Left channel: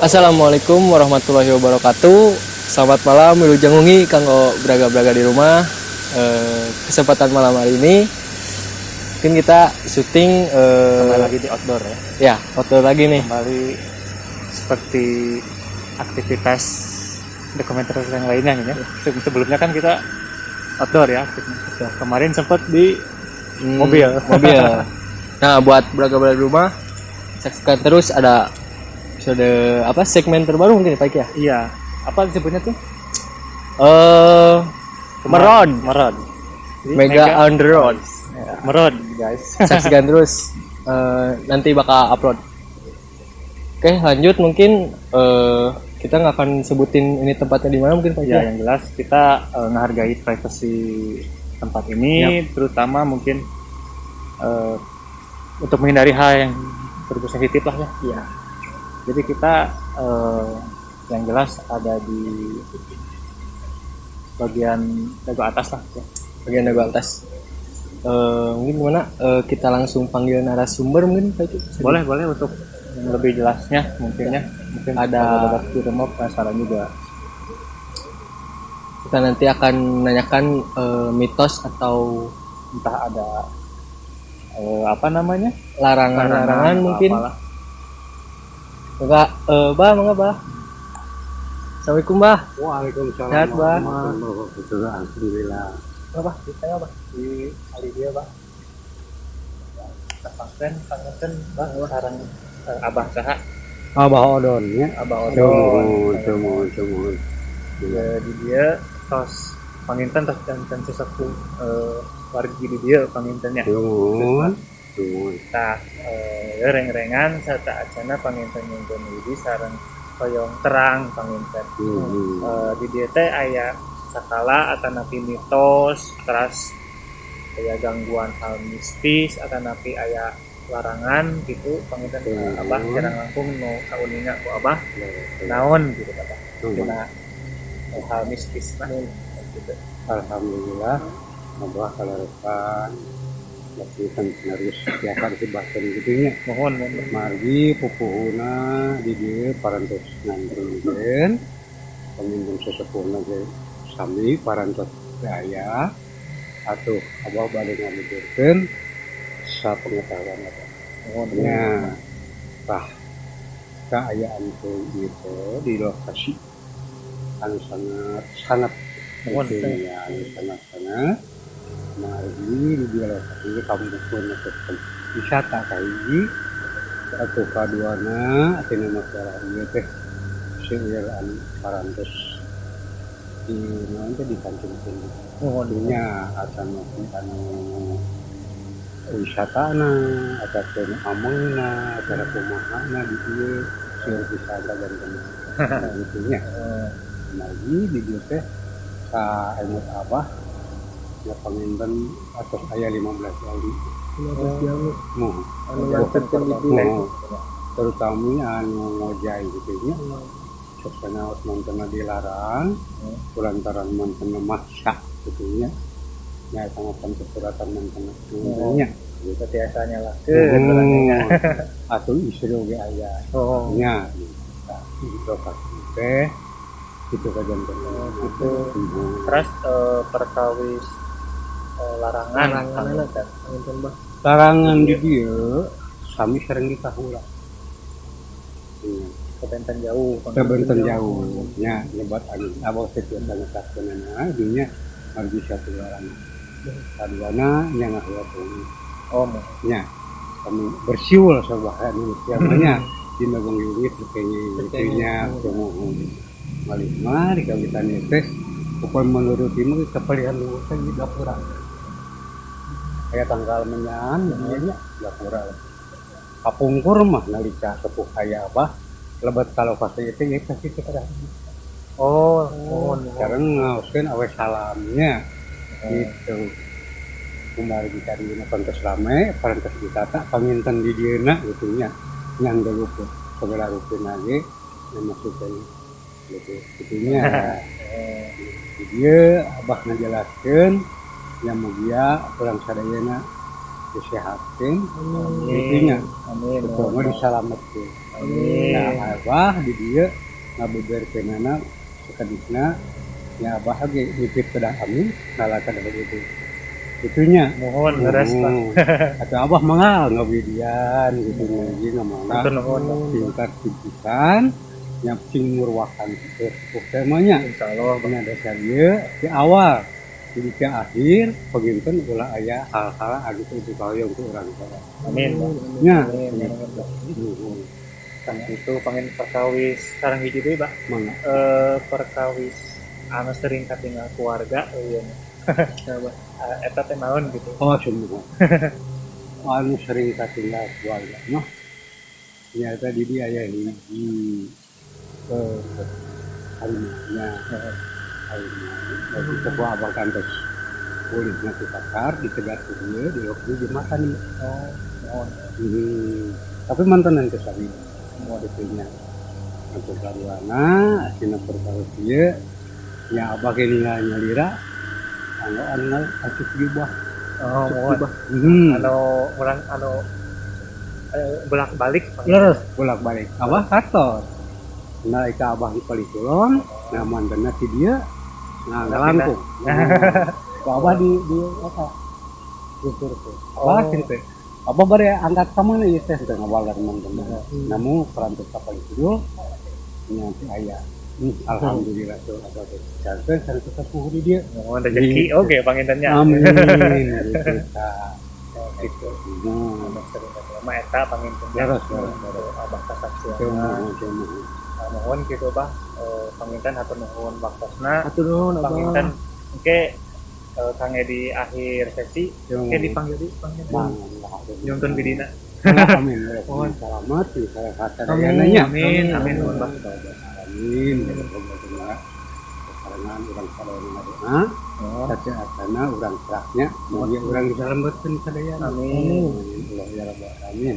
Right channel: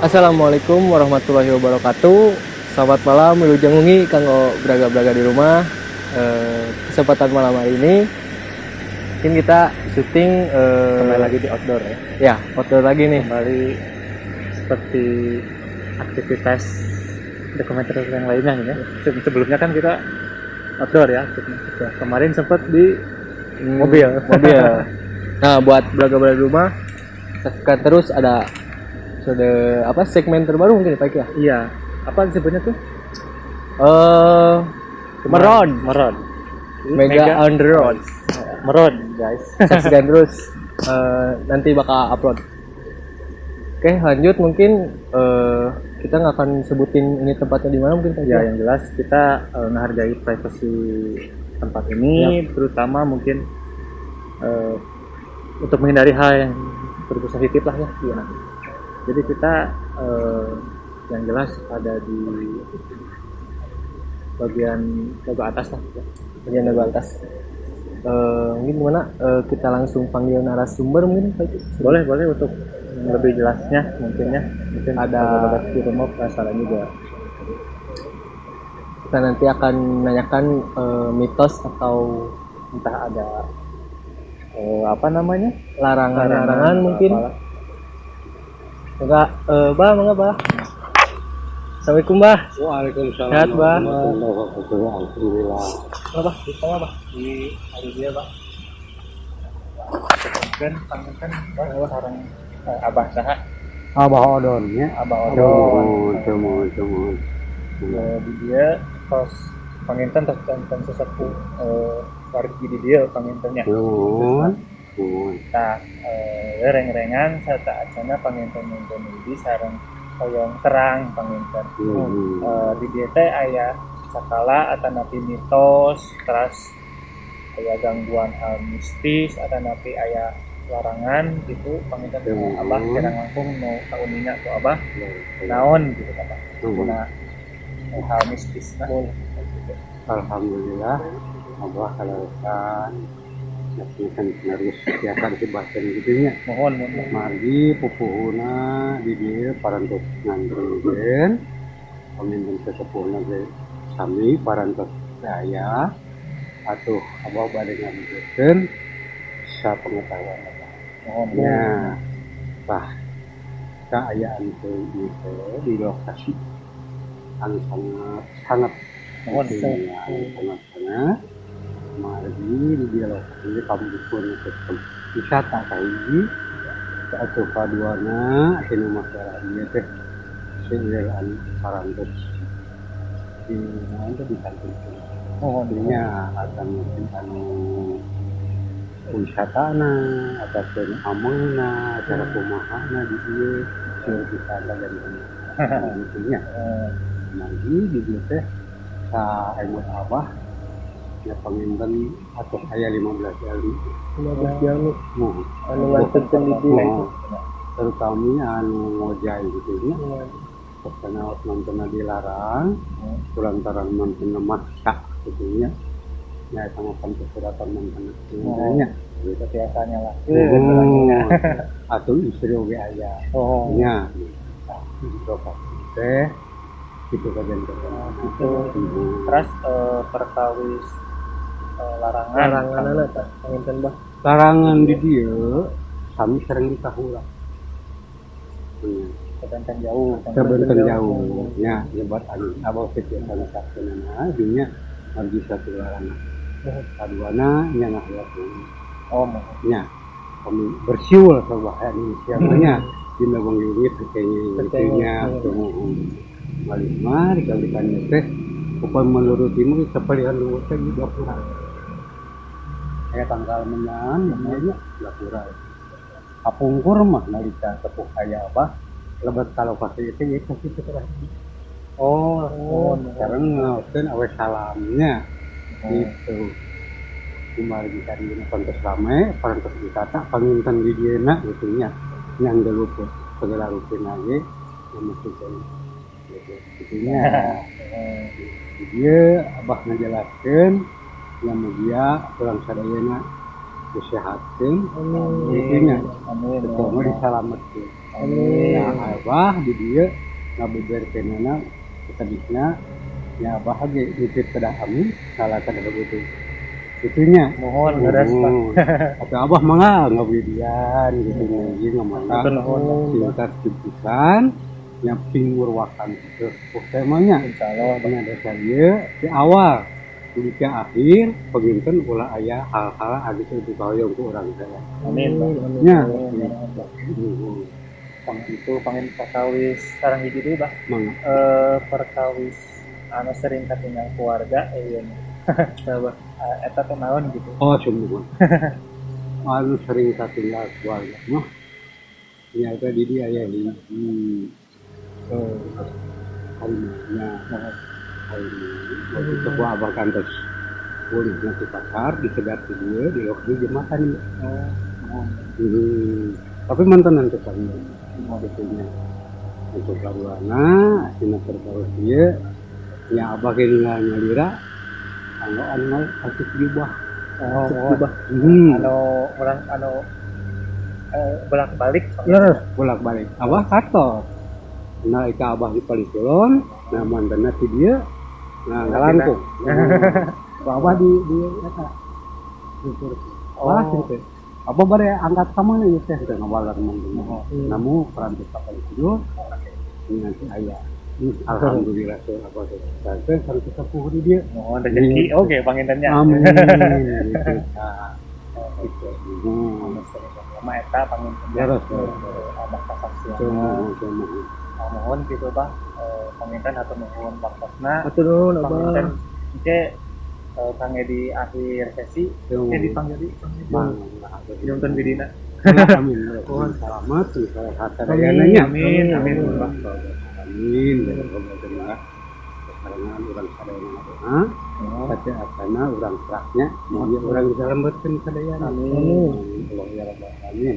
Assalamualaikum warahmatullahi wabarakatuh. Selamat malam, wilujeng wengi kanggo braga-braga di rumah. Kesempatan malam hari ini mungkin kita syuting Kembali lagi di outdoor ya. ya, outdoor lagi nih. Kembali seperti aktivitas dokumenter yang lainnya nih ya. Sebelumnya kan kita outdoor ya. Kemarin sempat di mobil. Nah, buat braga-braga di rumah, saksikan terus ada episode segmen terbaru mungkin Pak ya. Iya. Apa disebutnya tuh? Merod. Jadi Mega on the road. Merod guys. Saksikan terus, nanti bakal upload. Oke, lanjut mungkin kita nggak akan sebutin ini tempatnya di mana mungkin Pak Ya, yang jelas kita menghargai privasi tempat ini, terutama mungkin untuk menghindari hal yang berbau sensitif lah ya. Iya. Jadi kita yang jelas ada di bagian dagu atas lah. Bagian dagu atas. Mungkin gimana? Kita langsung panggil narasumber mungkin Pak Itu. Boleh untuk lebih jelasnya mungkin Ada di rumah salah juga. Kita nanti akan menanyakan mitos atau Entah ada apa namanya? larangan mungkin. apalah. Enggak, Mangga, Bah. Assalamualaikum, Bah. Waalaikumsalam. Sehat, Bah. Alhamdulillah. Apa? Di tengah, Bah. Di hari dia Bang. Kan pangaten sareng Abah saha? Abah Odonnya. Abah Odon. Cemon. Di dia tos panginten tos dan sesepuh wargi di dia pangintennya. Cemon. Nah, reng-rengan serta acana panginten yang di sareng hoyong terang panginten. Di dia teh aya sakala atanapi mitos, terus aya gangguan hal mistis atanapi aya larangan gitu panginten Abah kira ngangkung nu kauninga ku Abah naon gitu kata. Dina hal mistis mah gitu. Alhamdulillah. Abah kalarekan lakukan penerus setiakan si bahkan gitunya. Mohon. Margi pupuhuna di dia parantos ngantreun pemimpin sesepuhna ge sami parantos daya atuh abah bade ngabeurkeun sapengetahuan abah. Mohon. Ya, bah keayaan itu di lokasi yang sangat Mohon. sangat margi di dia lokasi ini kami pun wisata kahiji atau kaduana tina masalah ieu teh seueuran parantos di mana teh dikantingkeun. Mohon. Nya akan mungkin anu wisatana ataupun amangna acara kumahana di dieu seueur wisata dan gitunya. Lagi di dieu teh ka ayeuna Abah ya paminten atos aya 15 kali 15 jalur. anu nganterkeun di dieu. terutama anu ngojai gitu nya sosana mantena dilarang kulantaran mantena maksa gitu nya nya eta mah suratan mantena nya Gitu biasanya lah. atuh istri oge aya nya gitu teh gitu kajian Gitu. Terus perkawis larangan Tah panginten, Bah. larangan di dieu sami sering dikahulang. kebentan jauh. Kebentan jauh nya nyebat angin abah teh biasa sakeunana dunya margi satu larangan. Kaduana nya ngahiapun. Nya kami bersiul sabaha Indonesia nya dina banggeungit kayaknya tumuhun. Malima di kawitan teh upah menurut ieu kapalihan luhur teh di dapura. Aya tanggal menyan nya dapura. Kapungkur mah nalika sepuh kaya Abah lebat kalau kasih itu ya kasih keterangan. Sekarang ngauskeun awe salamnya gitu. Kumaha di kadina pantes rame, pantes wisata, panginten di dieuna gitu nya. Yang deueup segala rutin lagi yang masukkeun gitu nya. Di dieu Abah ngajelaskeun yang mugia urang sadayana disehatkeun. Gitu nya. Amin. Betul, disalametkeun. Amin. Nah abah di dia ngabeberkeunana sakadisna nya abah ge nitip kedah kami ngalakan begitu itunya Mohon beres Pak. atau abah mangga ngawidian gitu nya ieu ngamana Nuhun. tingkat pipisan nya sing ngurwakan sepuh temanya Insyaallah nya dasar ieu di awal jadi ke akhir peginten ulah aya hal-hal gitu itu kaoyong ku urang saya amin Pak. nya Kan itu pengen perkawis sareng hiji deui Pak. mangga Perkawis anu sering katinggal keluarga ieu Coba. eta teh naon gitu. oh semua anu sering katinggal keluarga mah ternyata di dia aya hiji harimanya waktu itu abah kantos boleh nanti pasar disegat ke dia di waktu dia makan tapi mantan nanti sari semua detailnya untuk laluana asina tertaruh dia ya abah kelingannya lira anu asik jubah Mohon. Anu urang anu bolak-balik terus bolak-balik abah kantor nah ika abah di Palikulon nah mantannya si dia nah ngalangkung abah di eta abah gitu abah bare angkat sama nih teh teh ngawalar mantan namun perantau kapal itu nya si ayah alhamdulillah tuh abah teh cantik sareng sepuh di dia mohon rezeki oke pangintennya. amin gitu itu Anu sering lama eta pangintennya. Terus. Abah kasaksian. cuma Mohon gitu Bang. Panginten atur nuhun baktosna. Atur nuhun Panginten Abah. engke Kang di akhir sesi oke dipanggil di panggil. Nyuntun bidina. amin selamat saya kata dayananya Amin nuhun Bang. amin dan semoga karena orang sadayana doa saja atana orang keraknya mau dia orang diselamatkan sadayana Amin. Allah ya rabbal alamin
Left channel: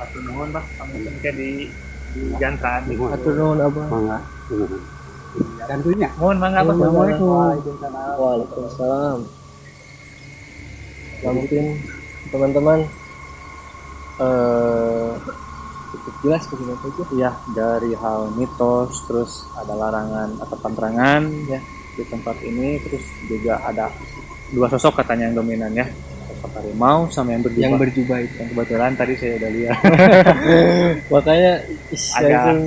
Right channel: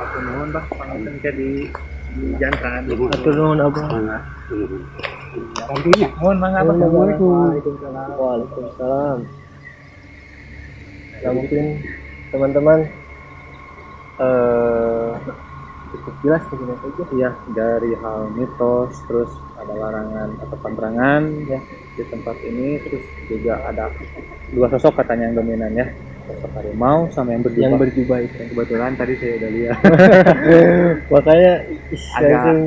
Atur nuhun Bang. Panginten ke dijangkaan. Atur nuhun Abah. mangga tentunya Mohon mangga Bang. Waalaikumsalam. Ya mungkin teman-teman cukup jelas begini aja. Ya, dari hal mitos, terus ada larangan atau penerangan ya di tempat ini, terus juga ada dua sosok katanya yang dominan ya, sosok harimau sama yang berjubah. Yang berjubah itu. Yang kebetulan tadi saya udah lihat Makanya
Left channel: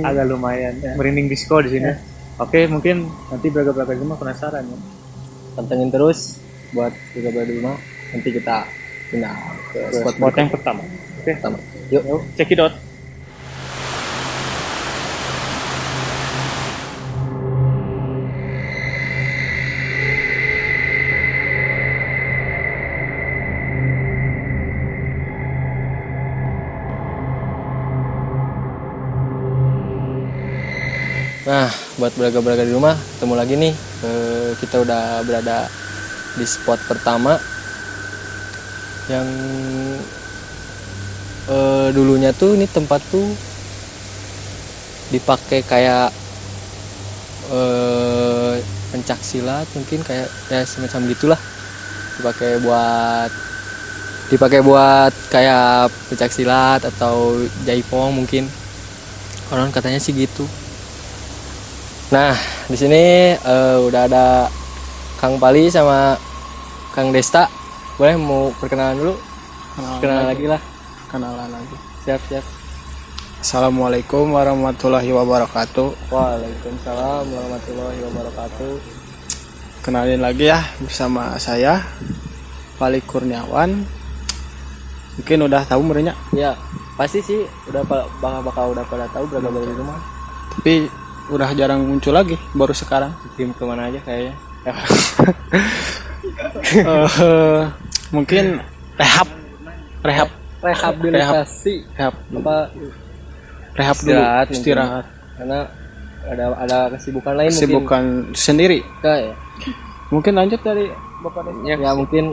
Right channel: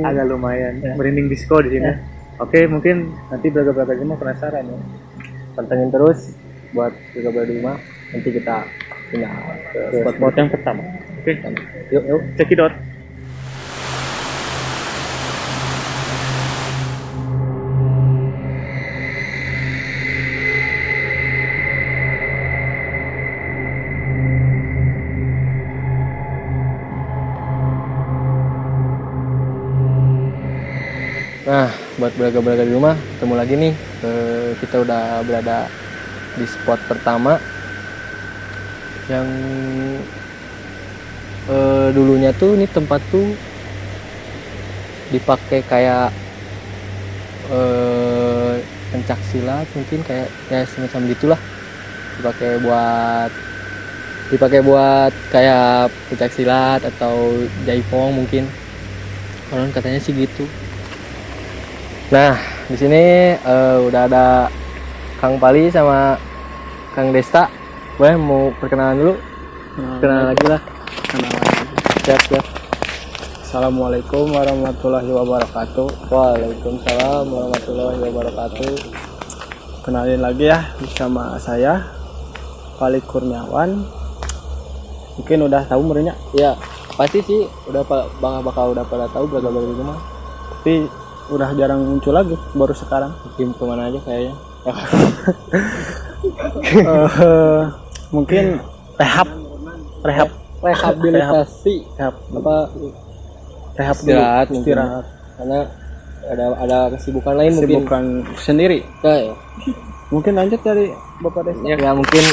agak lumayan merinding disco di sini. Oke, mungkin nanti beragam-beragam cuma penasaran ya. pantengin terus buat juga di rumah. Nanti kita pindah ke Ke spot yang pertama. Oke, pertama. Yuk. yuk check it out. Nah, buat beraga-beraga di rumah, ketemu lagi nih. Kita udah berada di spot pertama yang dulunya tuh ini tempat tuh dipakai kayak pencak silat, mungkin kayak semacam gitulah. Dipakai buat kayak pencak silat atau jaipong mungkin. Orang katanya sih gitu. Nah, di sini udah ada Kang Pali sama Kang Desta. Boleh mau perkenalan dulu? Perkenalan lagi lah. Siap. Assalamualaikum warahmatullahi wabarakatuh. Waalaikumsalam warahmatullahi wabarakatuh. Kenalin lagi ya bersama saya Pali Kurniawan. Mungkin udah tahu merenya, Ya, pasti sih udah bakal udah pada tahu berapa di rumah. tapi udah jarang muncul lagi, baru sekarang. Tim kemana aja kayaknya. Mungkin Rehabilitasi rehab dulu, istirahat. Karena ada kesibukan lain Kesibukan sendiri. mungkin. Ya. Mungkin lanjut dari Bapak Desa. Ya mungkin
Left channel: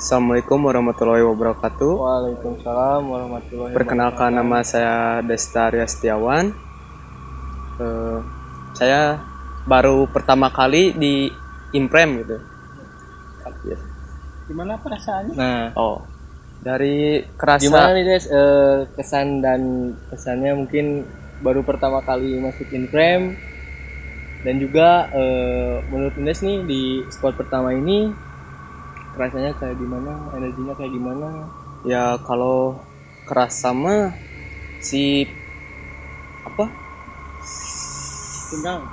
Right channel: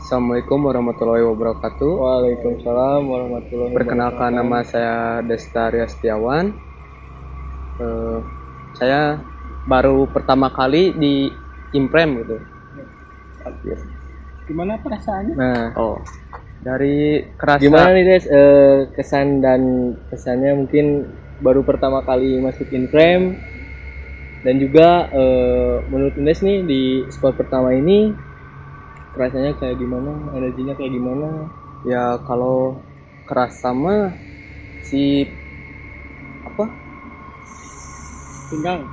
Assalamualaikum warahmatullahi wabarakatuh. Waalaikumsalam warahmatullahi Perkenalkan, wabarakatuh. nama saya Desta Arya Setiawan. Saya baru pertama kali di Imprem gitu. Gimana perasaannya? Nah, Dari kerasa gimana nih Des, kesan dan pesannya mungkin baru pertama kali masuk Inframe, dan juga menurut Indes nih di spot pertama ini rasanya kayak gimana, energinya kayak gimana? ya, kalau kerasa mah si apa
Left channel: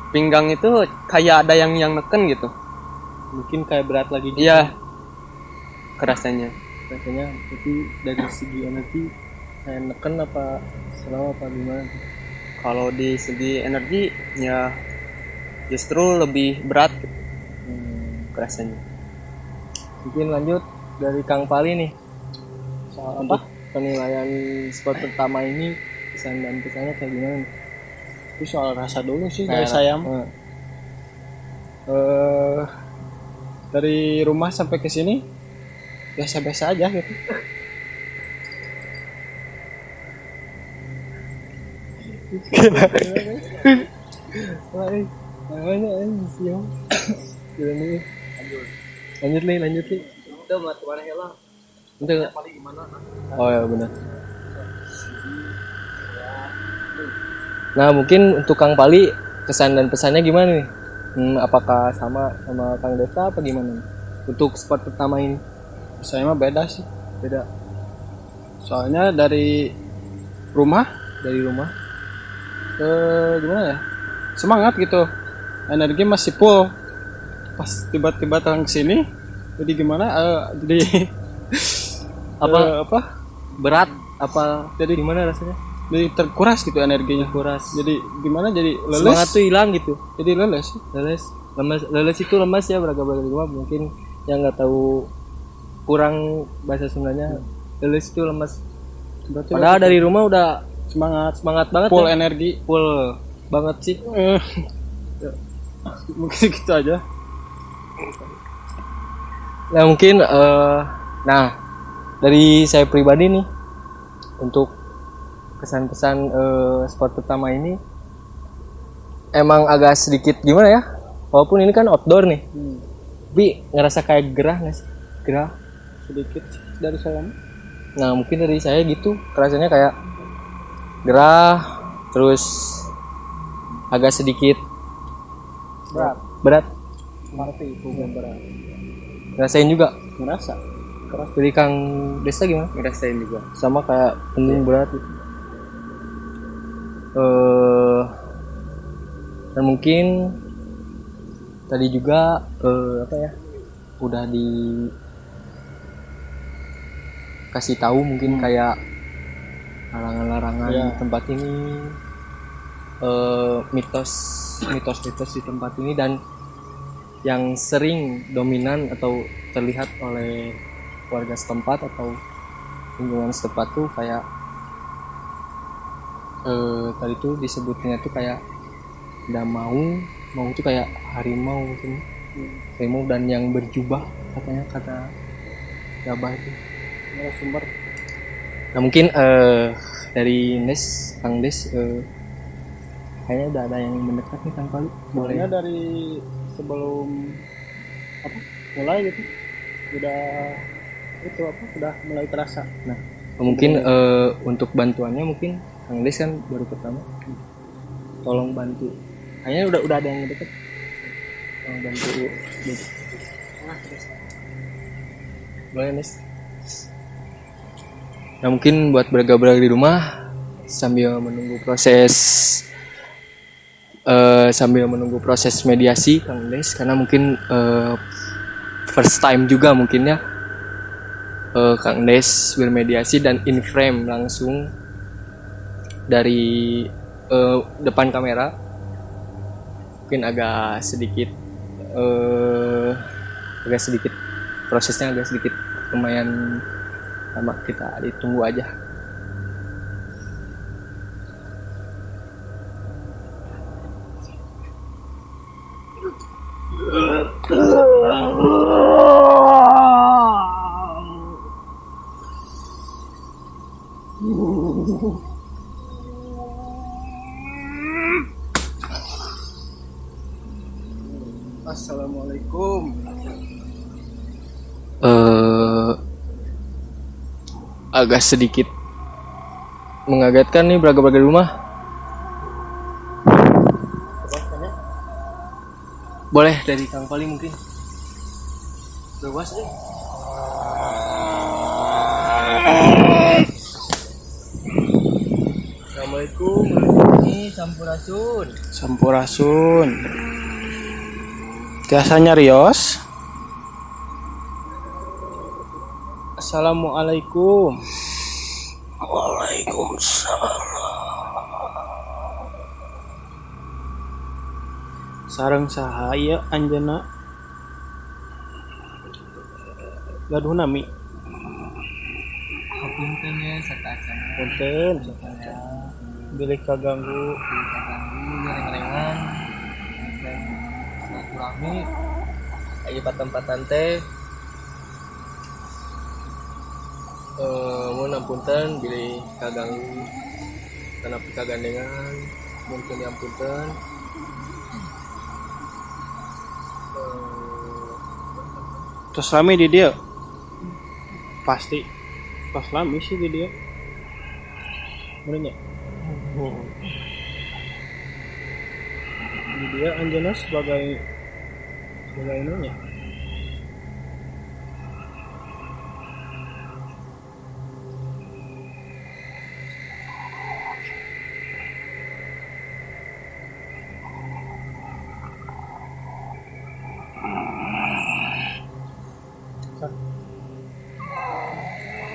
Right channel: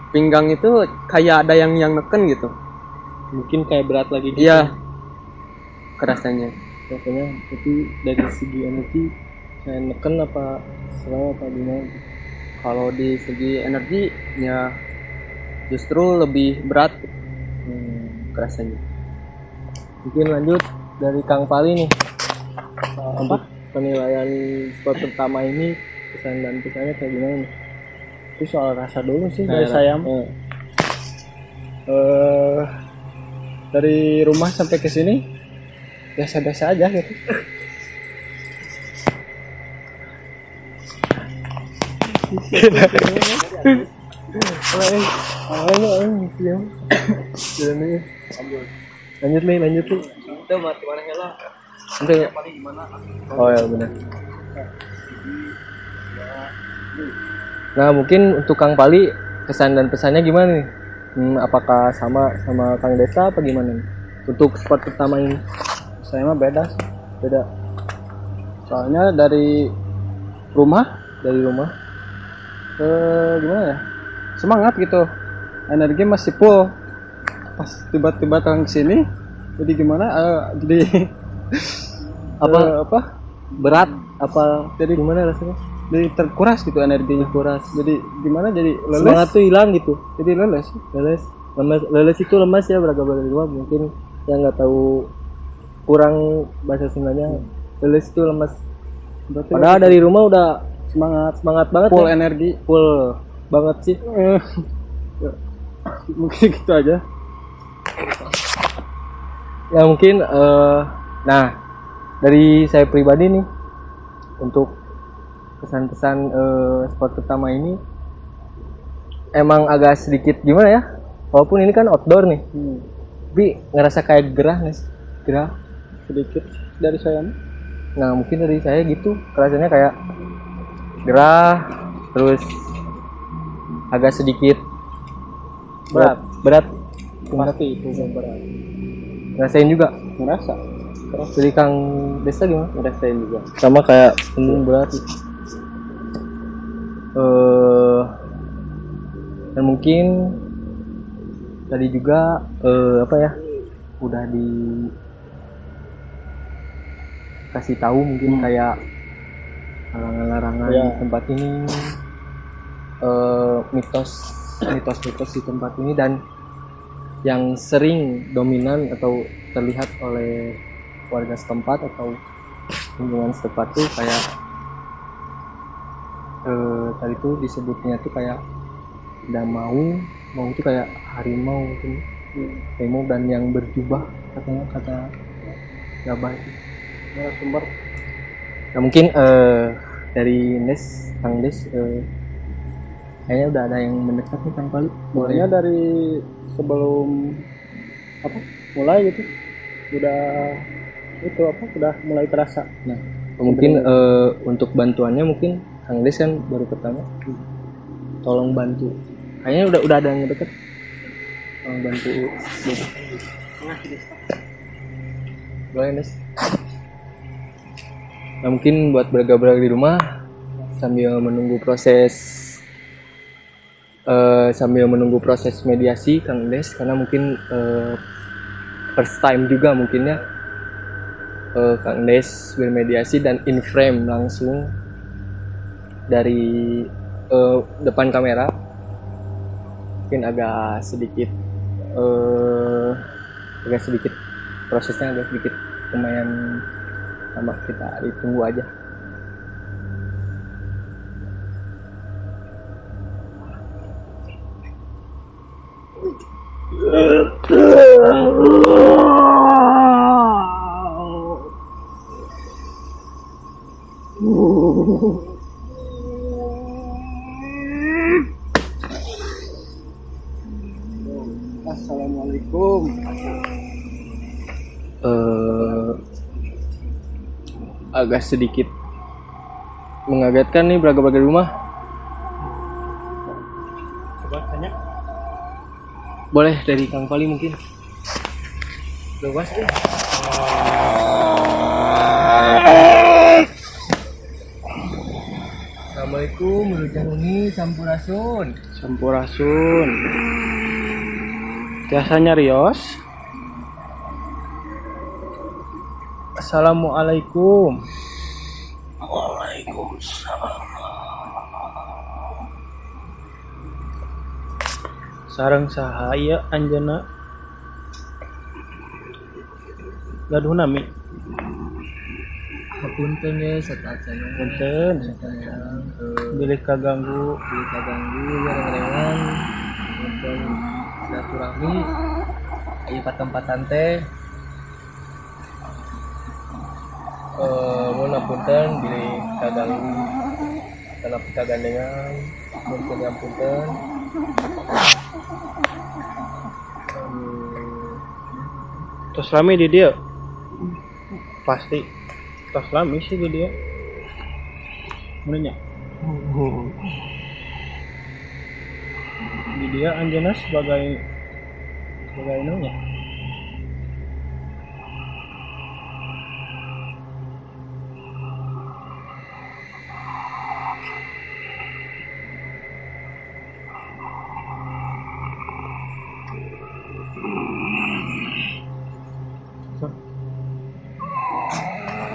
pinggang itu kayak ada yang neken gitu. Mungkin kayak berat lagi gitu. Iya, kerasanya. Rasanya, tapi dari segi energi saya neken apa slow apa gimana? Kalau di segi energi ya justru lebih berat kerasanya. Mungkin lanjut dari Kang Pali nih. Untuk penilaian spot pertama ini, kesan dan pesannya kayak gimana nih? Itu soal rasa dulu sih Nah, dari saya. Dari rumah sampai ke sini biasa-biasa aja gitu. Lanjut nih. Oh ya benar. Nah mungkin untuk Kang Pali kesan dan pesannya gimana nih? Apakah sama Kang Desta apa gimana nih? Untuk spot pertama ini Saya mah beda sih. beda Soalnya dari rumah dari rumah. gimana ya? Semangat gitu. Energi masih full. Pas tiba-tiba tahun kesini jadi gimana? Jadi apa? Berat apa? Jadi gimana rasanya? Jadi terkuras gitu energinya. Kuras. Jadi gimana? Jadi Semangat leles. tuh hilang gitu. Jadi leles. Leles itu lemas ya, beragam mungkin yang nggak tahu kurang bahasa Sundanya. Leles itu lemas. Berarti Padahal dari rumah udah semangat banget full ya. energi. Full banget sih. Mungkin gitu aja. Ya mungkin nah dari saya pribadi nih untuk kesan-pesan spot pertama ini emang agak sedikit gimana ya, walaupun ini kan outdoor nih, tapi ngerasa kayak gerah nggak sih? Gerah Sedikit dari saya. nah mungkin dari saya gitu rasanya kayak gerah, terus agak sedikit berat Pasti itu berat. rasain juga. Ngerasa. Dari Kang Desta gimana? Ngerasain juga. Sama kayak berat. Dan mungkin tadi juga apa ya, udah dikasih tahu mungkin kayak larangan-larangan Ya. tempat ini, mitos di tempat ini, dan yang sering dominan atau terlihat oleh warga setempat atau lingkungan setempat tuh kayak tadi tuh disebutnya tuh kayak udah mau itu kayak harimau gitu. Harimau dan yang berjubah katanya, kata Gabah itu. Sumber. Nah mungkin dari Kang Des kayaknya udah ada yang mendekat nih Kang Pali. Mulainya dari sebelum mulai gitu udah mulai terasa. Nah mungkin untuk bantuannya mungkin Kang Des kan baru pertama, tolong bantu. Kayaknya udah ada yang deket. Tolong bantu. Boleh Des. Nah mungkin buat beragam-beragam di rumah sambil menunggu proses mediasi Kang Des, karena mungkin first time juga mungkin ya Kang Des bermediasi dan in frame langsung dari depan kamera. Mungkin agak sedikit prosesnya agak sedikit lumayan lama, kita ditunggu aja. Assalamualaikum. Agak sedikit mengagetkan nih belaga-belaga di rumah. Coba tanya. Boleh dari Kang Pali mungkin. Luas deh. Assalamualaikum warahmatullahi Sampurasun. Sampurasun. Biasanya Rios. Assalamualaikum. Waalaikumsalam. Sareng sahaya anjana gaduh nami. Hapunten ya satacana. Punten Satanya bilih kaganggu. kaganggu ya rengan-rengan. Punten silaturahmi. Ayo patempatan teh. Mun apunten bilih kaganggu. Kana pikagandengan. Mungkin apunten. Tos rame di dia. Pasti tos rame sih di dia. Menanya. Di dia anjana sebagai nanya.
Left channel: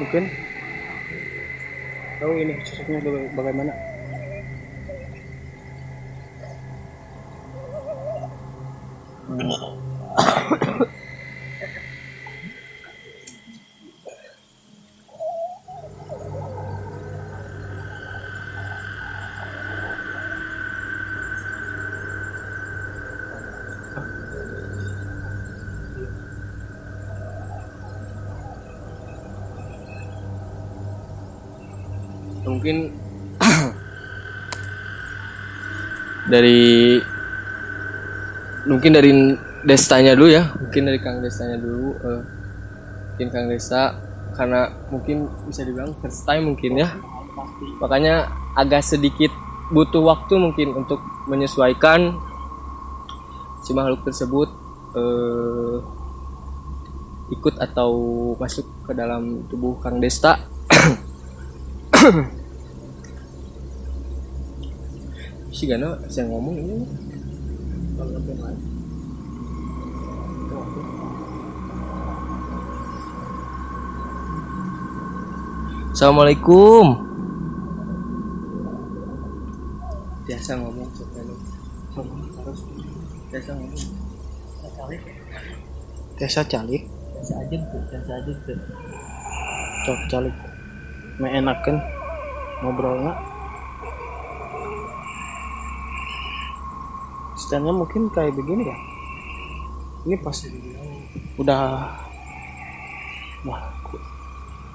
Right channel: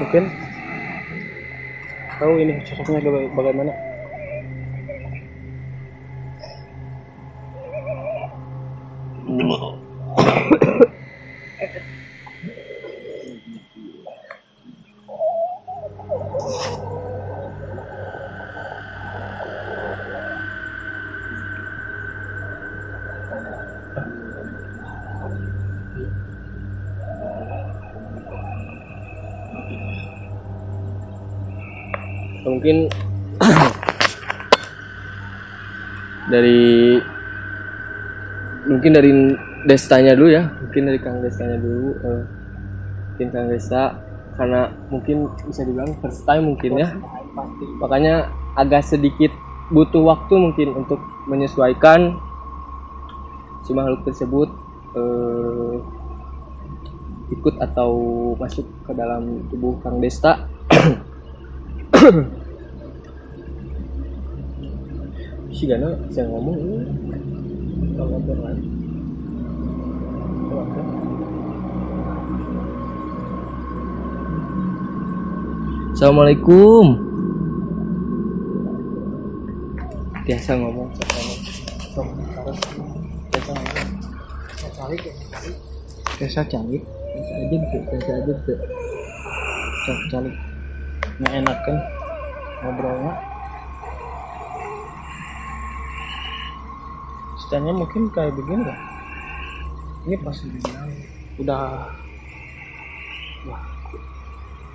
Mungkin tahu ini sosoknya bagaimana. Mungkin dari Destanya dulu ya, mungkin dari Kang Destanya dulu. Mungkin Kang Desta karena mungkin bisa dibilang first time mungkin ya, makanya agak sedikit butuh waktu mungkin untuk menyesuaikan si makhluk tersebut ikut atau masuk ke dalam tubuh Kang Desta. Si Gana saya ngomong ini kalau lagi. Assalamualaikum. Biasa ngomong Biasa calik. Biasa aja tuh. Calik. Enakan ngobrolnya. Stylenya mungkin kayak begini ya. Ini pas udah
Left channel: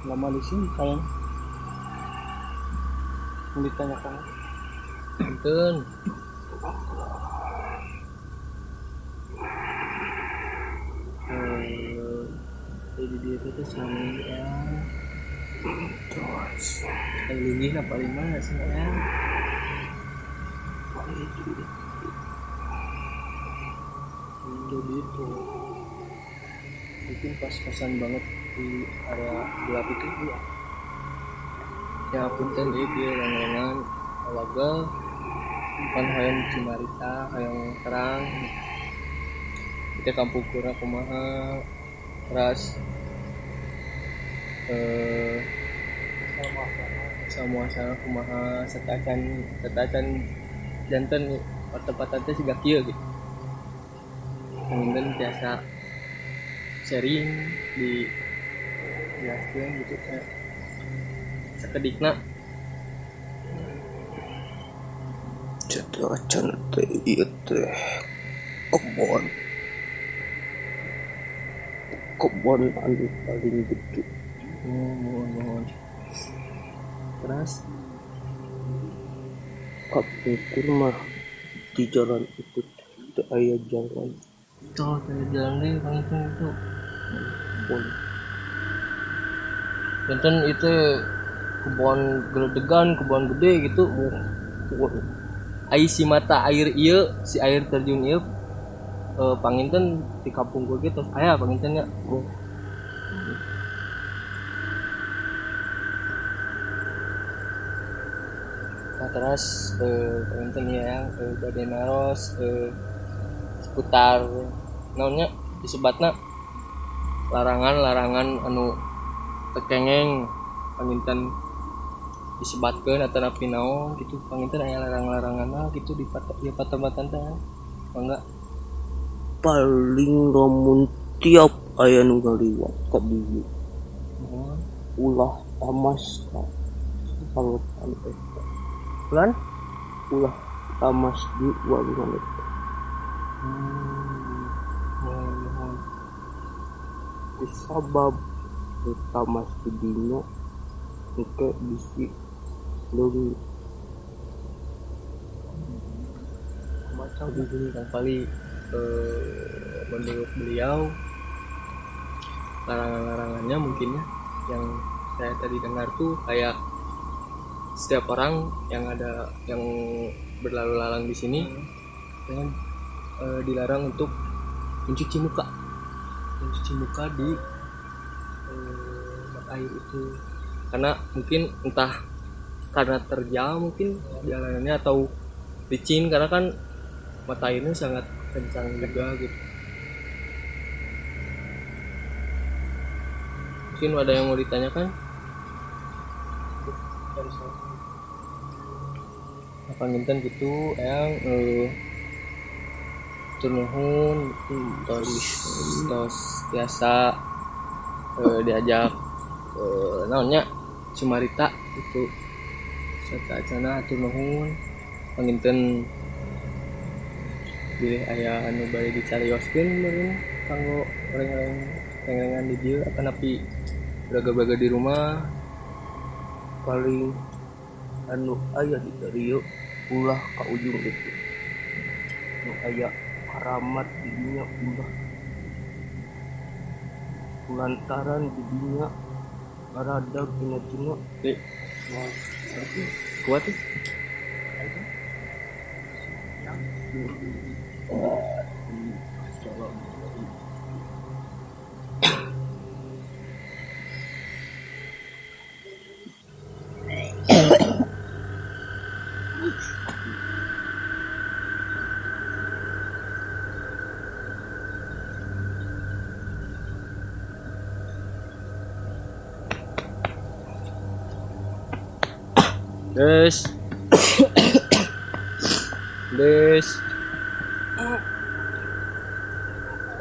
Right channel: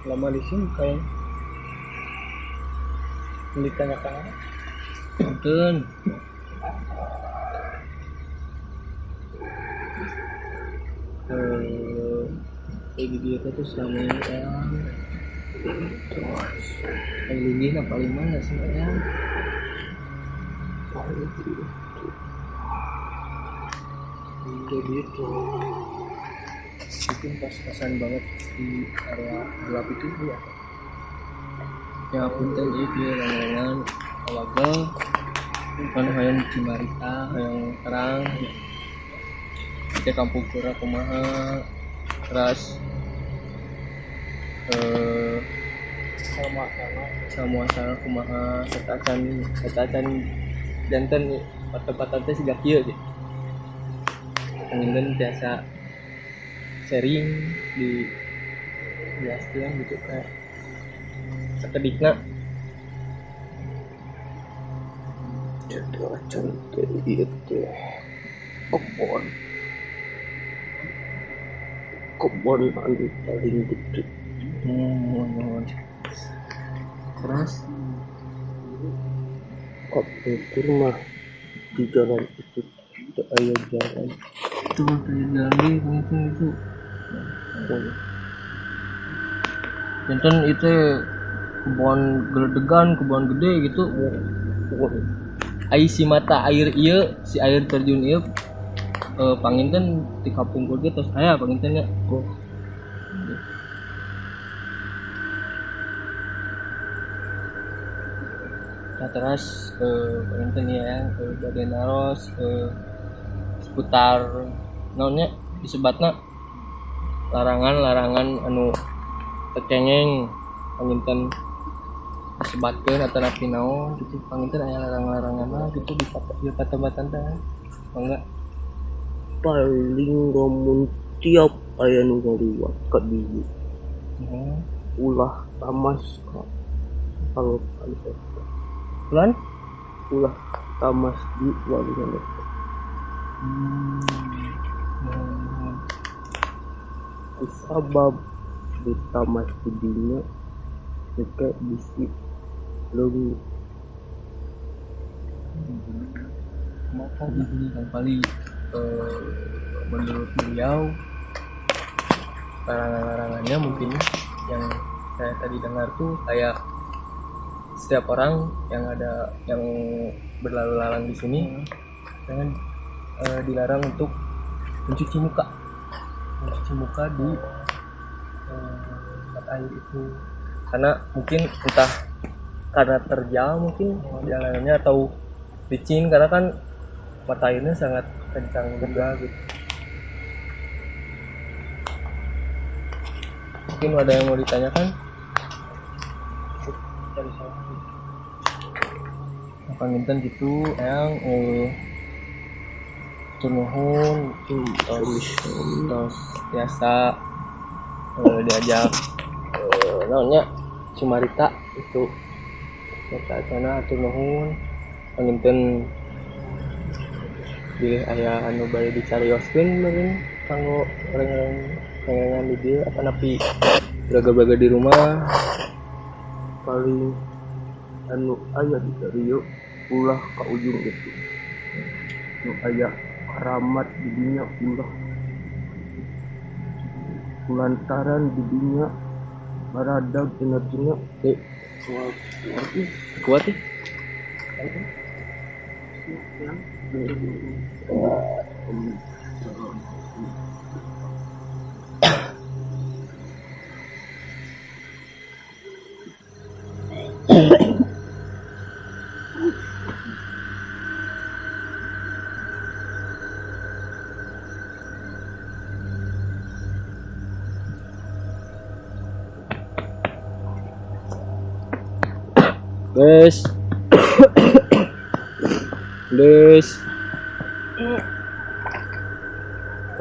lama di sini kayak ditanyakan Punten. Ini dia tuh selama ini yang linggih apa paling sih ya? Jadi itu mungkin pas-pasan banget di area gelap itu ya. Ya punten itu ya lengan alaga kan hayang cimarita hayang terang kita kampung pura kumaha terus sama kumaha setacan jantan tempat teh siga kieu gitu. Pengen biasa sharing di jelaskan gitu kayak sekedikna jadi acan teh ieu teh kebon anu paling gede. mohon terus Kebun mah di jalan itu teu aya jalan gitu kayak jalan di panginten itu. Panginten itu kebun geledegan, kebun gede gitu. Ai si mata air ieu, si air terjun ieu panginten di kampung gue gitu aya pangintennya. Nah terus panginten ya badai naros seputar naonnya disebatna larangan anu tekengeng panginten disebatkeun atau napi naon gitu panginten aya larang-larangan lah gitu di patematan teh enggak paling lamun tiap aya nu ngaliwat ka dieu ulah tamas ka pangeupan teh lan ulah tamas di walungan teh kusabab ditamas di dinya teh bisi leungit macam begini Kang Pali menurut beliau larangannya mungkin yang saya tadi dengar tuh kayak setiap orang yang berlalu lalang di sini jangan dilarang untuk mencuci muka di mata air itu karena mungkin entah karena terjal mungkin jalanannya atau licin karena kan mata airnya sangat kencang juga gitu. Mungkin ada yang mau ditanyakan? Panginten gitu yang turnuhun terus biasa diajak namanya Sumarita itu serta acana turnuhun panginten bilih aya anu bari dicarioskeun meureun kanggo orang-orang di dieu apa napi braga-braga di rumah paling anu aya di dieu ulah ka ujung itu nu aya karamat di dinya ulah lantaran di dinya baradag tina kuat ya? yang Des.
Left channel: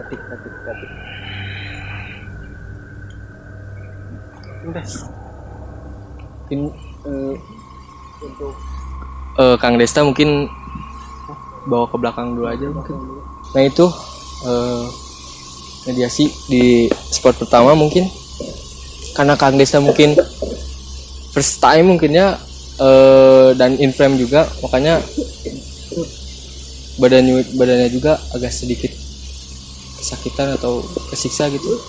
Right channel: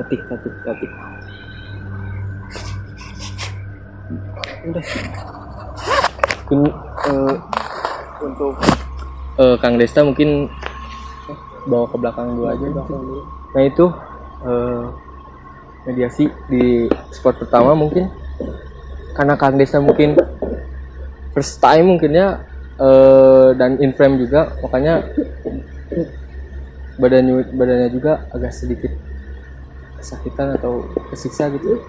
Katik. Mungkin untuk Kang Desta mungkin bawa ke belakang dulu aja mungkin. Nah itu mediasi di spot pertama mungkin karena Kang Desta mungkin first time mungkinnya dan in frame juga makanya badannya juga agak sedikit kesakitan atau kesiksa gitu.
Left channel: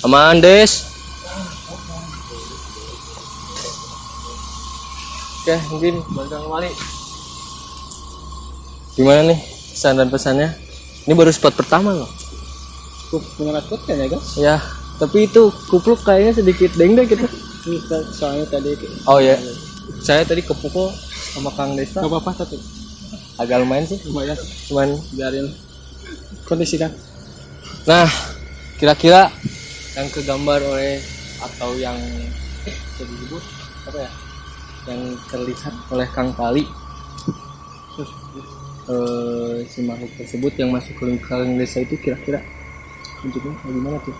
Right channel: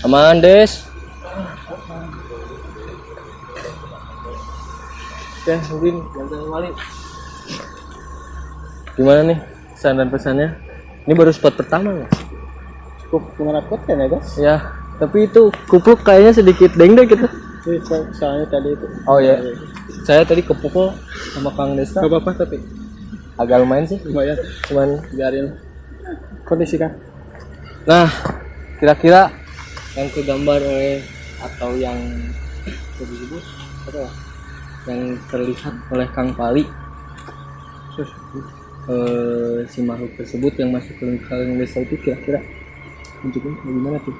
Aman Des. Oke mungkin Bang Wali gimana nih pesan dan pesannya ini baru spot pertama loh menakut kan ya guys ya tapi itu kupluk kayaknya sedikit dengdek gitu soalnya tadi oh ya saya tadi kepukul sama Kang Desta gak apa-apa tapi agak lumayan sih lumayan cuman biarin kondisi kan. nah kira-kira yang kegambar oleh atau yang bisa disebut apa ya yang terlihat oleh Kang Pali si makhluk tersebut yang masuk ke lingkaran desa itu kira-kira bentuknya gimana tuh?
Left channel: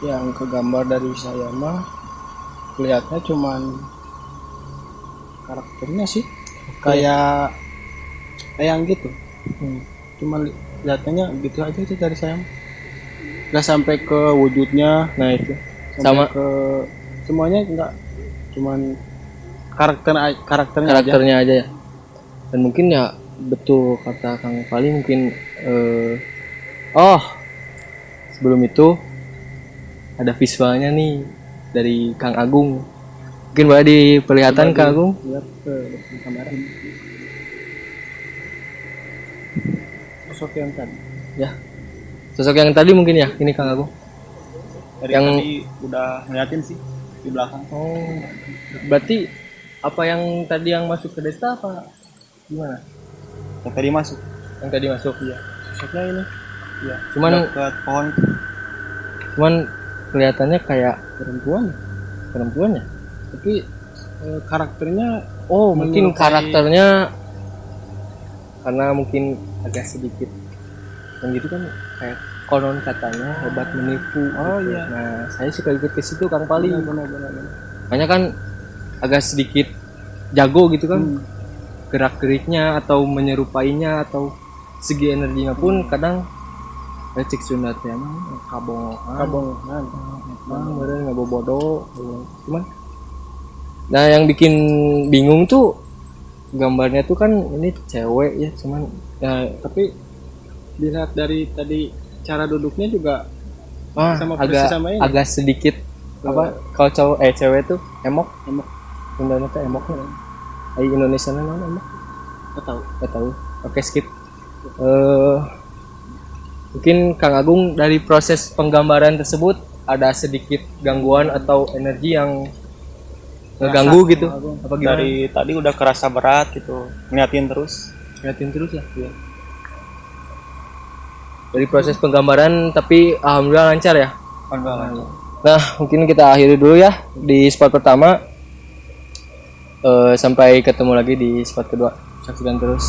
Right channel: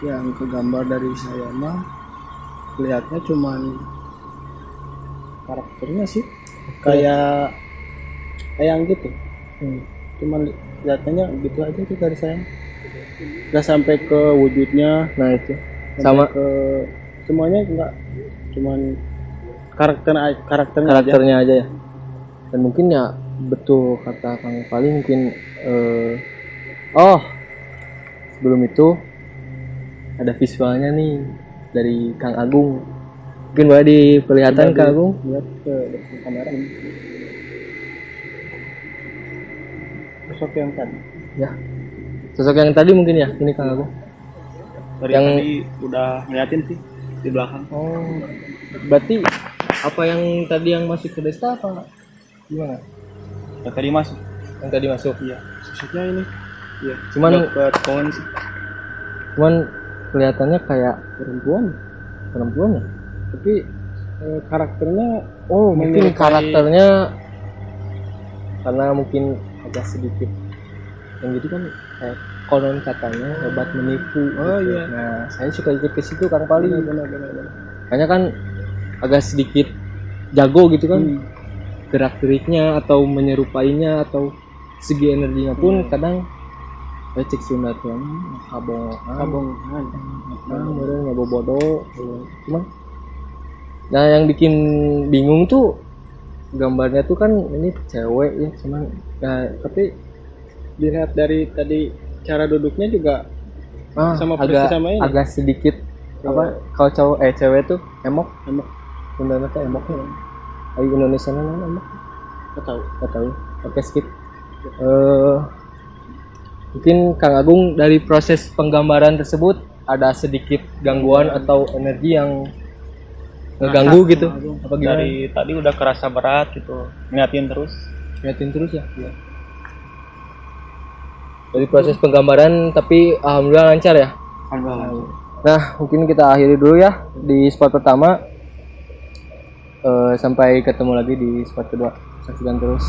Yang kegambar dari saya mah kelihatnya cuman karakternya sih kayak yang gitu. Cuma lihatnya gitu aja itu dari saya, nggak sampai ke wujudnya, Nah itu sampai sama ke semuanya nggak, cuman karakternya aja. karakternya aja ya. Dan mungkin ya betul kata Kang Fali, mungkin oh sebelum itu ada visualnya nih dari Kang Agung. Mungkin boleh diperlihatkan Kang Agung. Lihat ke kamera sosok yang tadi. Ya. Sosok yang tadi mungkin ya, ini Kang Agung. Yang Tadi udah ngeliatin sih di belakang. oh, berarti apa yang tadi yang masuk ke desa apa gimana? Yang tadi masuk. Yang tadi masuk. Iya. Sosoknya ini. Iya. Cuman Dekat pohon sih. cuman kelihatannya kayak Perempuan ya. tapi karakternya Oh, mungkin menyerupai- karakternya karena mungkin agak sedikit yang gitu kan, kayak konon katanya obat menipu. Oh, gitu. iya. Nah, saya suka ikut ke situ Kang Pali. benar. Kayaknya kan agak sedikit jago gitu kan. Gerak-geriknya atau menyerupainya atau segi energinya pun kadang cek sunatnya kabongan. Bener nggak bodoh. Cuman nah yang bikin bingung tuh gambarnya tuh kan ini cewek ya, cuman Tapi dilihat dari tadi cara duduknya juga sama agak persis sama ini. agak sedikit apa kalau cewek tuh emok Sundana tuh emok nih. Indonesia namanya emok nggak tahu. Oke, skip. Mungkin Kang Agung dari proses penggambaran tersebut ada sedikit gangguan atau energi yang ngeganggu gitu apa gimana? Dari tadi udah kerasa berat gitu, ngeliatin terus. Liatin terus ya. Dari proses penggambaran tapi alhamdulillah lancar ya. Nah, mungkin kita akhiri dulu ya di spot pertama. Sampai ketemu lagi di spot kedua. Saksikan terus.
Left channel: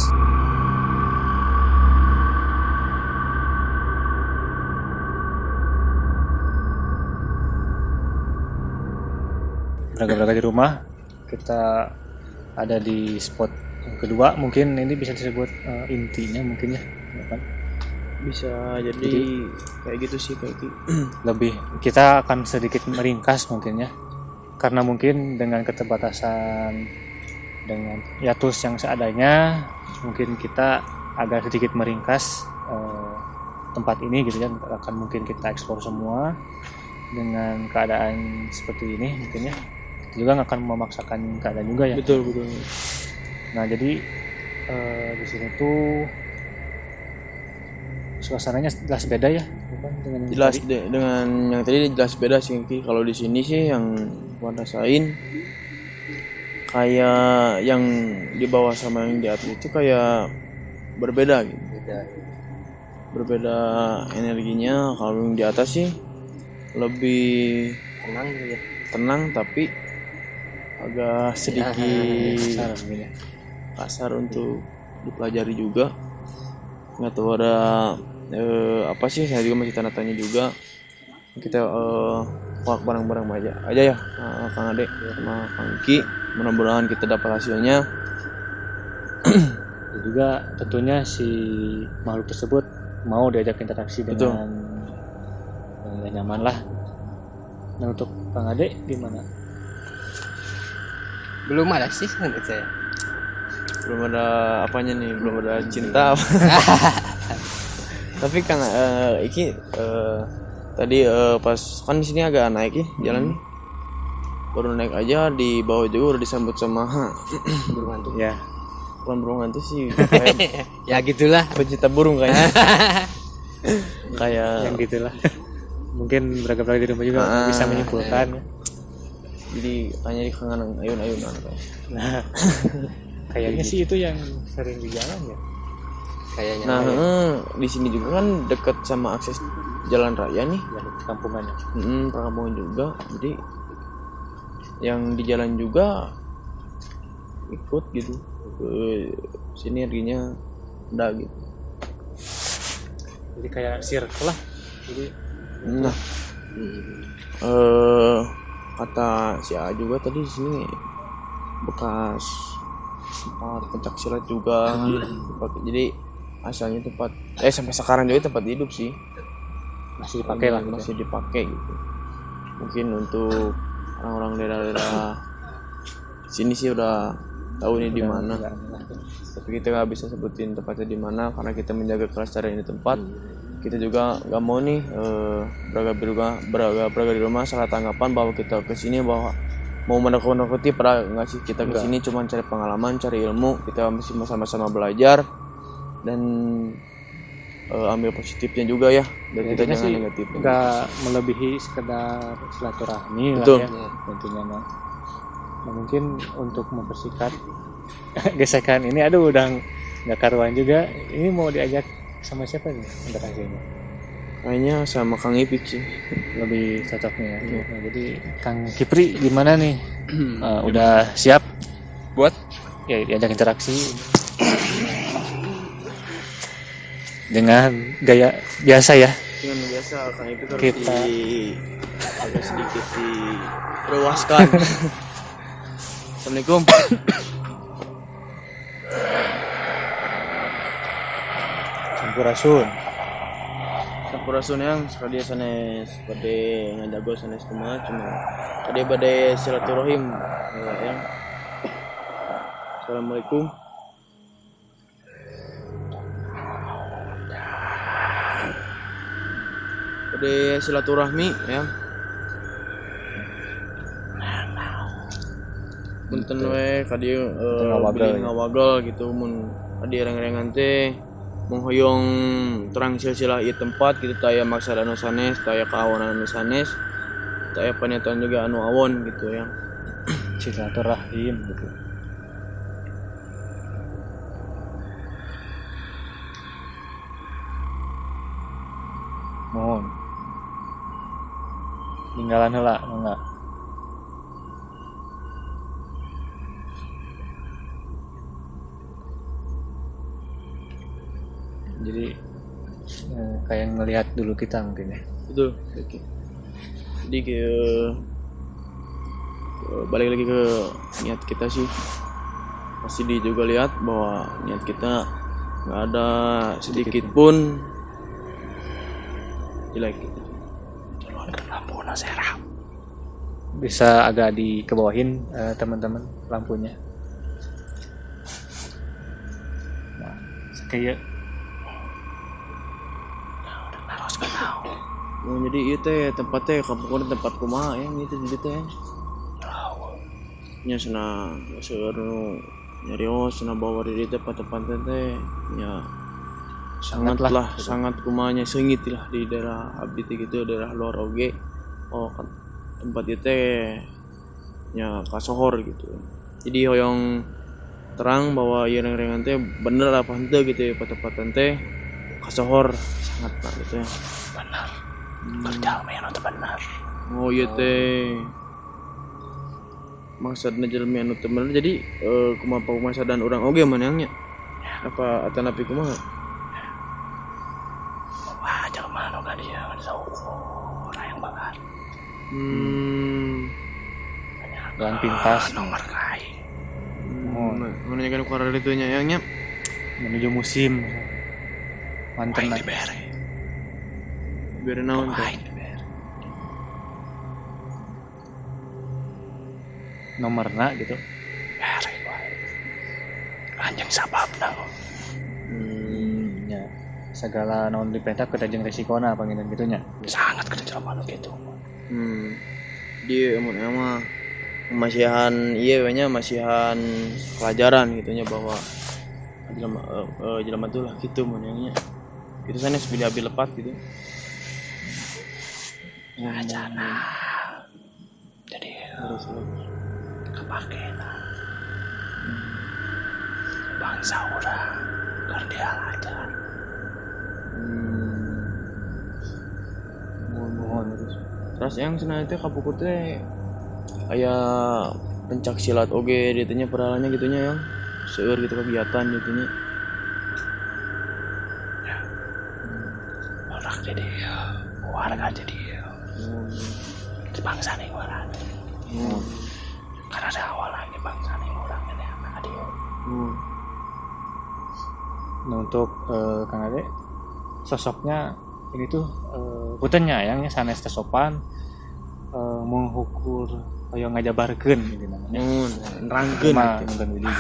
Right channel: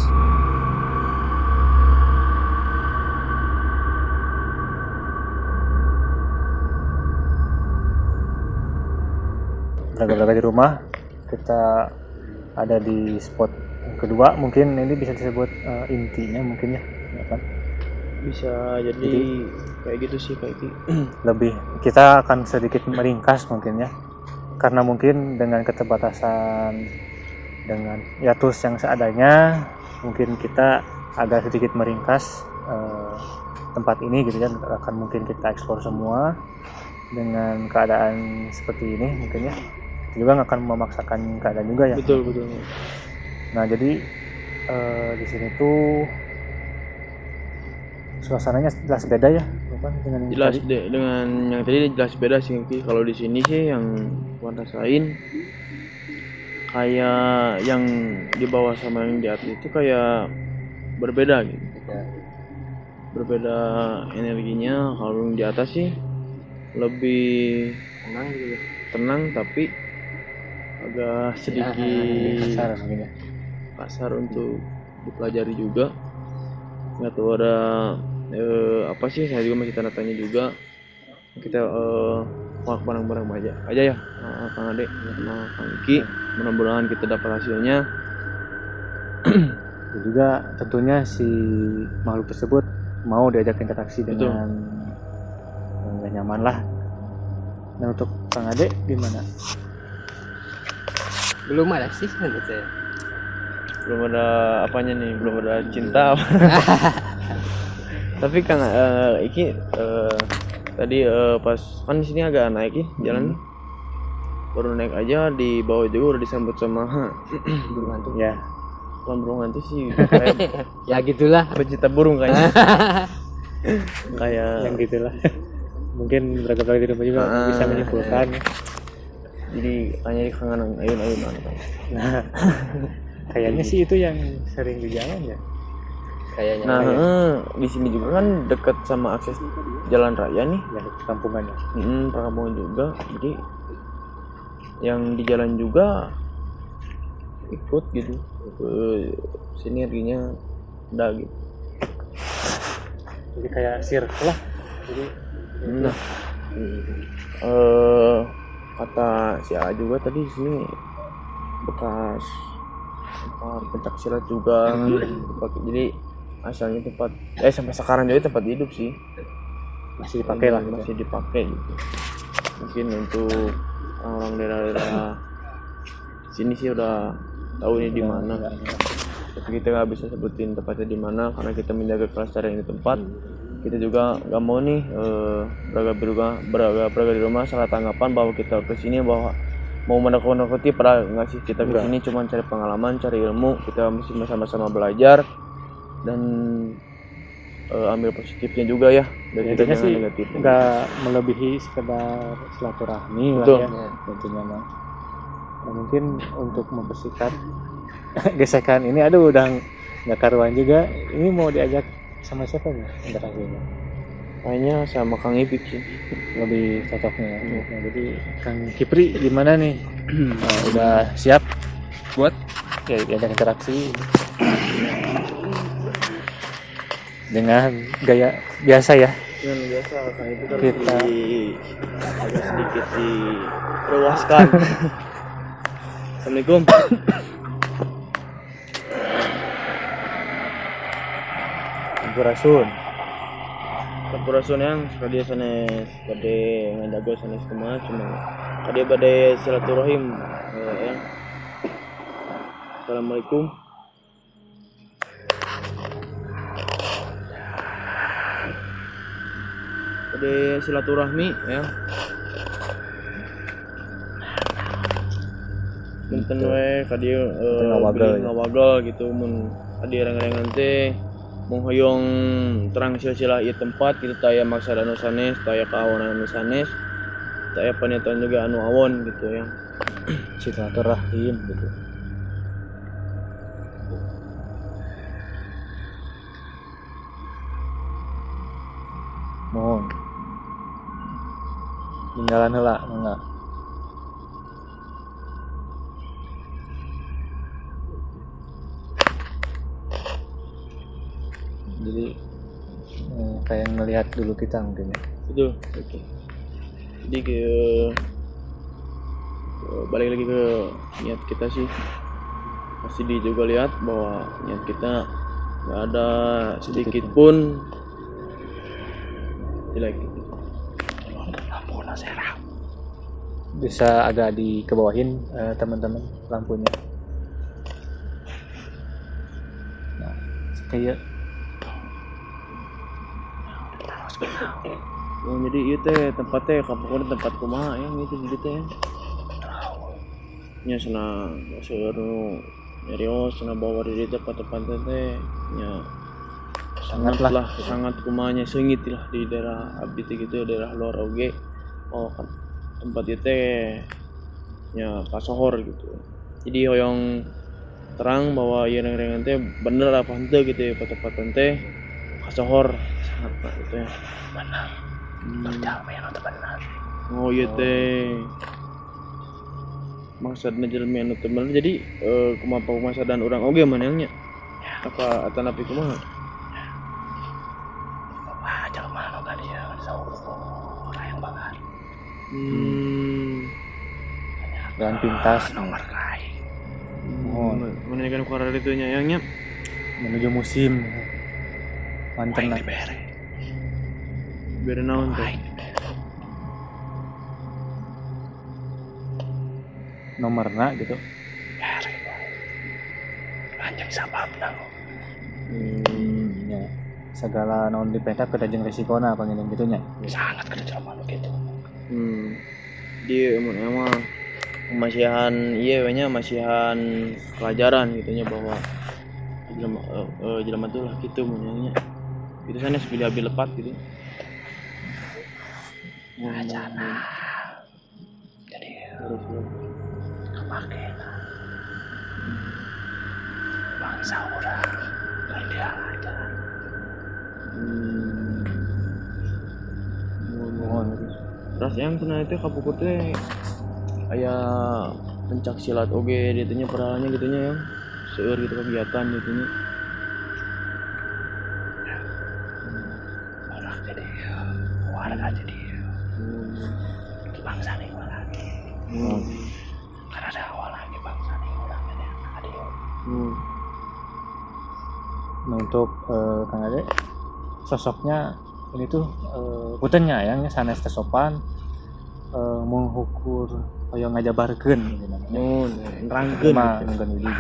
Beragam-beragam di rumah, kita ada di spot yang kedua, mungkin ini bisa disebut intinya mungkin ya kan? Bisa jadi kayak gitu sih, kayak gitu. Lebih kita akan sedikit meringkas mungkin ya, karena mungkin dengan keterbatasan dengan tools yang seadanya, mungkin kita agak sedikit meringkas tempat ini gitu ya, akan mungkin kita eksplor semua dengan keadaan seperti ini mungkin ya, juga nggak akan memaksakan keadaan juga ya. Betul. Nah jadi di sini tuh suasananya jelas beda ya, bukan dengan yang Jelas tadi. deh, dengan yang tadi jelas beda sih. Ki. Kalau di sini sih yang gua rasain kayak yang di bawah sama yang di atas itu kayak berbeda gitu. Berbeda energinya. Kalau yang di atas sih lebih tenang tapi agak sedikit Besar mungkin ya. kasar untuk dipelajari juga. Nggak tahu ada apa sih, saya juga masih tanda tanya juga. Kita barang-barang aja ya, Kang Ade sama Kang Ki, mudah-mudahan kita dapat hasilnya. Dan juga tentunya si makhluk tersebut mau diajak interaksi dengan nyaman lah. Dan untuk Kang Ade gimana? Belum ada sih menurut saya. Belum ada apanya nih, belum ada cinta. Tapi Kang iki tadi pas kan di sini agak naik ya jalan, baru naik aja di bawah juga udah disambut sama burung hantu. Ya, Bukan burung hantu sih, kayak Ya gitulah. pecinta burung kayaknya. Kayak yang gitulah. Mungkin beragam-beragam di rumah juga bisa menyimpulkan ya. jadi hanya di kangen ayun-ayunan. Nah, kayaknya sih itu yang sering di jalan ya. Kayaknya. Nah, di sini juga kan dekat sama akses jalan raya nih. Ya, kampungan ya. Perkampungan juga. Jadi yang di jalan juga ikut gitu ke sini, energinya ada gitu. Jadi kayak circle lah. Jadi Nah, kata si A juga tadi di sini bekas pencak silat juga. Jadi asalnya tempat sampai sekarang jadi tempat hidup sih, Masih dipakai lah gitu. masih dipakai gitu. Mungkin untuk orang daerah sini sih udah tahu ini di mana, tapi kita nggak bisa sebutin tempatnya di mana karena kita menjaga kelestarian di tempat. Kita juga nggak mau nih beraga di rumah salah tanggapan bahwa kita kesini bahwa mau menakut-nakuti. Pernah nggak sih kita kesini cuma cari pengalaman, cari ilmu, kita mesti sama-sama belajar dan ambil positifnya juga ya. Dan Intinya sih negatifnya. nggak melebihi sekedar silaturahmi lah Betul. ya tentunya mah. Nah, mungkin untuk mempersikat gesekan ini aduh udah nggak karuan juga, ini mau diajak sama siapa nih interaksinya Kayaknya sama Kang Ipik sih. lebih cocoknya ya. Nah, jadi Kang Kipri gimana nih? Nah, udah siap buat ya diajak interaksi dengan gaya biasa ya. Yang biasa Kang Ipik harus Kita. agak sedikit diluaskan. Assalamualaikum. Sampurasun. Sampurasun yang sekali sanes pada ngajago sanes kumaha cuma kade bade silaturahim yang. Assalamualaikum. Pada silaturahmi ya. Punten we kadi ngawagal gitu mun kadi reng-rengan teh menghoyong terang silsilah ieu tempat gitu taya maksud anu sanes, taya kaawon anu sanes, taya paniatuan juga anu awon gitu ya. Silaturahim gitu. Mohon. Tinggalan heula enggak. Jadi kayak ngelihat dulu kita mungkin ya. Betul. Jadi balik lagi ke niat kita sih. Pasti dia juga lihat bahwa niat kita nggak ada sedikit pun jelek. Bisa agak dikebawahin teman-teman lampunya. Nah, kayak Oh, jadi itu teh tempatnya kampung tempat kumaha yang itu jadi teh. Nya sana seueur nu nyarios sana bawa di tempat-tempat teh nya sangat lah sangat kumanya seungit lah di daerah abdi teh gitu daerah luar oge. Oh kan tempat itu teh nya kasohor gitu. Jadi hoyong terang bahwa ieu rengan teh bener apa henteu gitu ya tempat-tempat teh kasohor sangat lah gitu ya. Benar. Berjalmian itu benar. Oh iya teh. Maksudnya jalmian itu benar. Jadi kumaha pemasadan orang oge manehnya. Apa atanapi kumaha? Wah, jalma boga dia sauku. Yang bakar. jalan pintas Nomor kai. Mohon. Menanyakan kuara itu nya yangnya. menuju musim manten lah. Biar naon teh. Nomorna gitu. Anjing sabab nang. Ya segala naon diperintah ke jeung resikona panginan gitunya. Sangat kejaman gitu. Dia emang masihan iya banyak masihan pelajaran gitunya bahwa jelema tuh lah gitu menanya. Itu sana sebeli abi lepat gitu. Jadi harus kepake itu. Bangsa orang kan dia aja. Mohon Terus yang senang itu kapukut teh aya pencak silat oge ditanya peralanya gitunya yang seueur gitu kegiatan gitunya. Orang jadi warga jadi bangsa nih orang. Karena ada awalnya bangsa nih orangnya ada Nah untuk Kang Ade sosoknya ini tuh punten nyayangnya sanes teh sopan mengukur hoyong ngajabarkeun gitu namanya. Nerangkeun Mah nunggu Widi.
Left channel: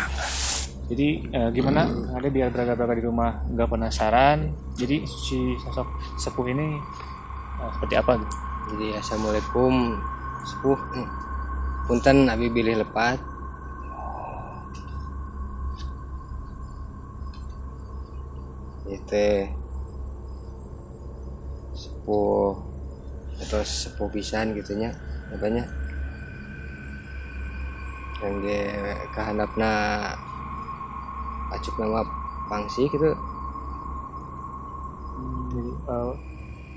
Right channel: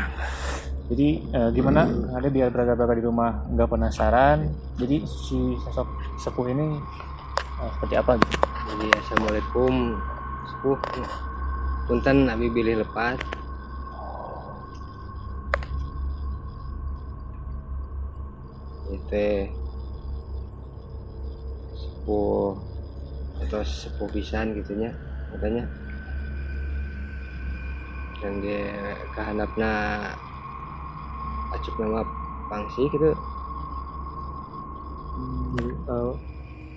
Jadi gimana Kang Ade biar beraga-beraga di rumah nggak penasaran. Jadi si sosok sepuh ini seperti apa gitu. Jadi assalamualaikum sepuh. Punten abi bilih lepat. Itu sepuh atau sepuh pisan gitunya katanya. Kangge kahandapna acuk nama pangsi gitu.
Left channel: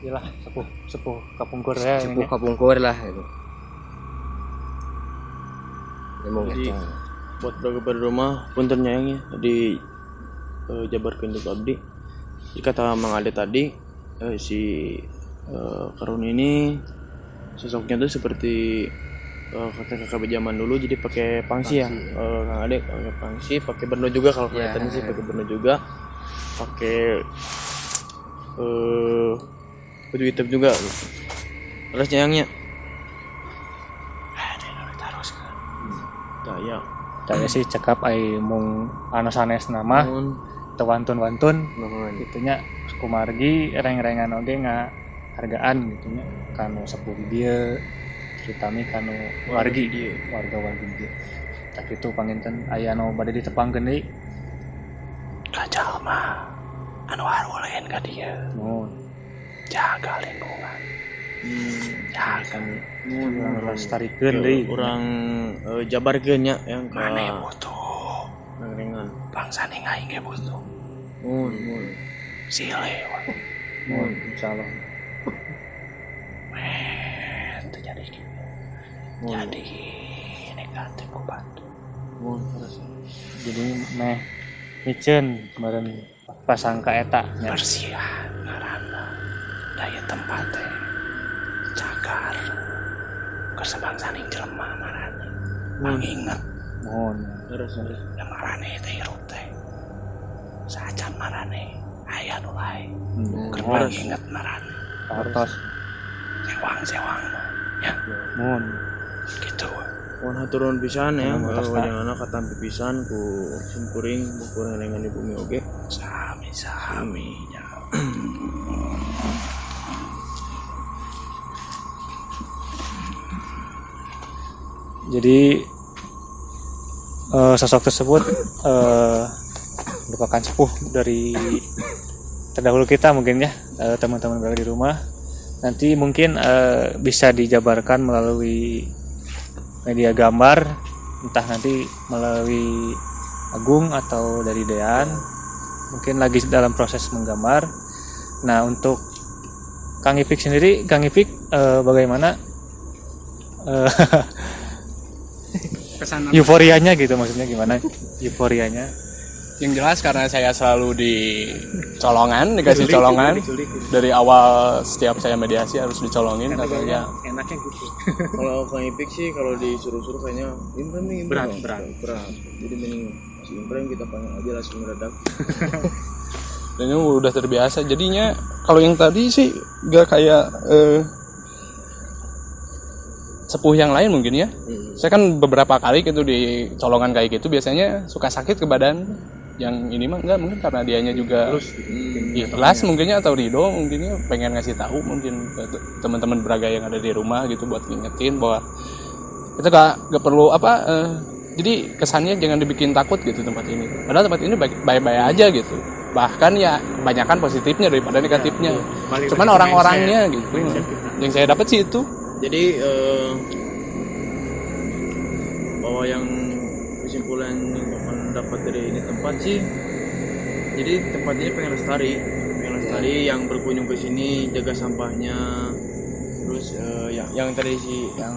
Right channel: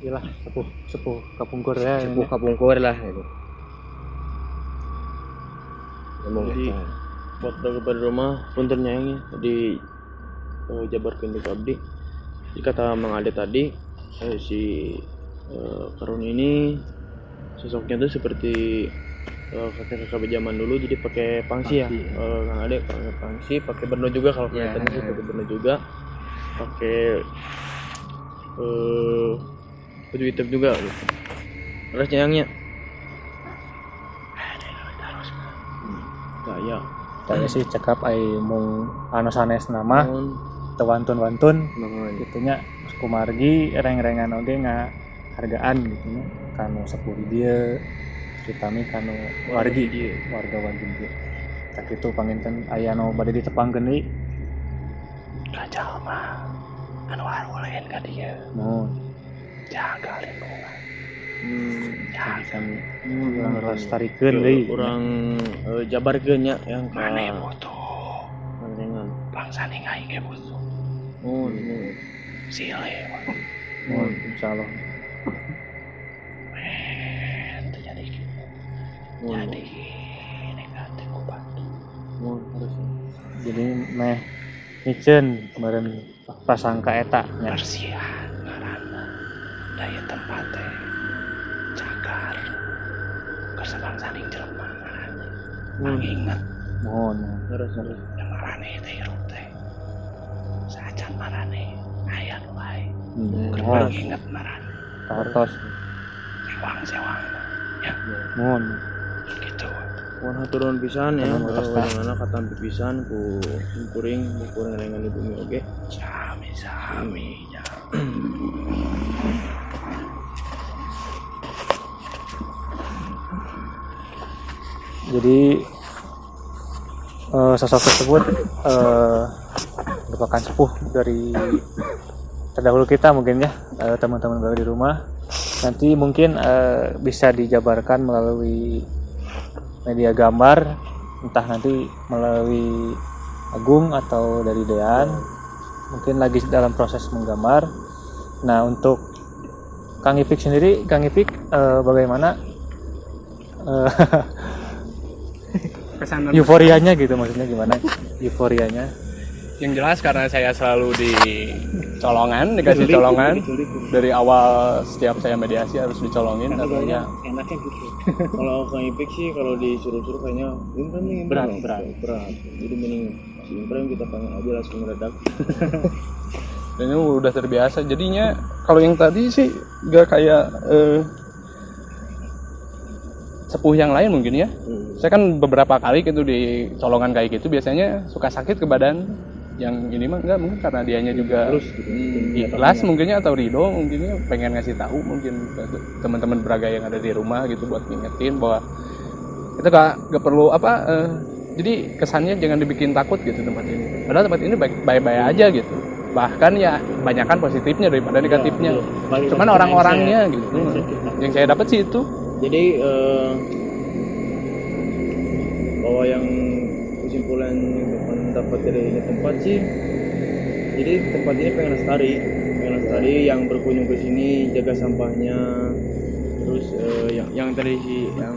Iyalah sepuh kapungkur ya. Sepuh kapungkur lah gitu. Emang Jadi gitu. buat beraga rumah punten nyayangnya di jabarkeun deuk abdi. Jadi kata Mang Ade tadi si Karun ini sosoknya tuh seperti kakak-kakak zaman dulu, jadi pakai pangsi ya. Kang Ade pakai pangsi, pakai berno juga kalau kelihatannya sih pakai berno juga. Pakai baju hitam juga gitu. Terus nyayangnya ya Tanya sih cekap ai mung anu sanes nama teu wantun-wantun gitunya kumargi reng-rengan oge hargaan gitunya kanu sepuh dia terutama kanu warga dia tak itu panginten aya nu bade ditepangkeun deui ka jalma anu haruleun ka dieu mun jaga lingkungan kami urang lestarikeun deui orang jabarkeun nya yang ka reng-rengan bangsa ning aing ge butuh sile mun insyaallah jadi negatif bantu harus jadi meh micen kemarin pasangka eta nya Bersiah ngaranna daya tempat teh cagar kesebangsaning jelema marane manginget mohon harus da marane teh hirup teh sacan marane aya nu lain mohon inget marane kartos sewang ya mohon gitu. mohon haturun pisan ya Mohon atas, Pak. wadana katampi pisan ku simpuring ku renengan di bumi oge Sami ya. jadi sosok tersebut merupakan sepuh dari terdahulu kita mungkin ya, teman-teman berada di rumah nanti mungkin bisa dijabarkan melalui media gambar, entah nanti melalui Agung atau dari Dean, mungkin lagi dalam proses menggambar. Nah untuk Kang Ipik sendiri, Kang Ipik bagaimana Kesan euforianya gitu, maksudnya gimana euforianya? yang jelas karena saya selalu dikasih colongan dari awal setiap saya mediasi harus dicolongin katanya. Enaknya gitu. kalau Kang Ipik sih kalau disuruh-suruh kayaknya imprem nih berat jadi mending si imprem kita panggil aja langsung mendadak. Dan ini udah terbiasa jadinya. Kalau yang tadi sih gak kayak sepuh yang lain mungkin ya. Saya kan beberapa kali gitu di colongan kayak gitu biasanya suka sakit ke badan. Yang ini mah enggak, mungkin karena dianya juga ikhlas mungkinnya, atau ridho mungkinnya pengen ngasih tahu mungkin ke teman-teman beraga yang ada di rumah gitu buat ngingetin bahwa itu gak perlu jadi kesannya jangan dibikin takut gitu tempat ini, padahal tempat ini baik-baik aja gitu, bahkan ya banyakkan positifnya daripada negatifnya, cuman orang-orangnya gitu yang saya dapat sih itu. Jadi bahwa yang kesimpulan yang Bapak dapat dari ini tempat sih, jadi tempat ini pengen lestari yang berkunjung ke sini jaga sampahnya, terus yang tadi sih yang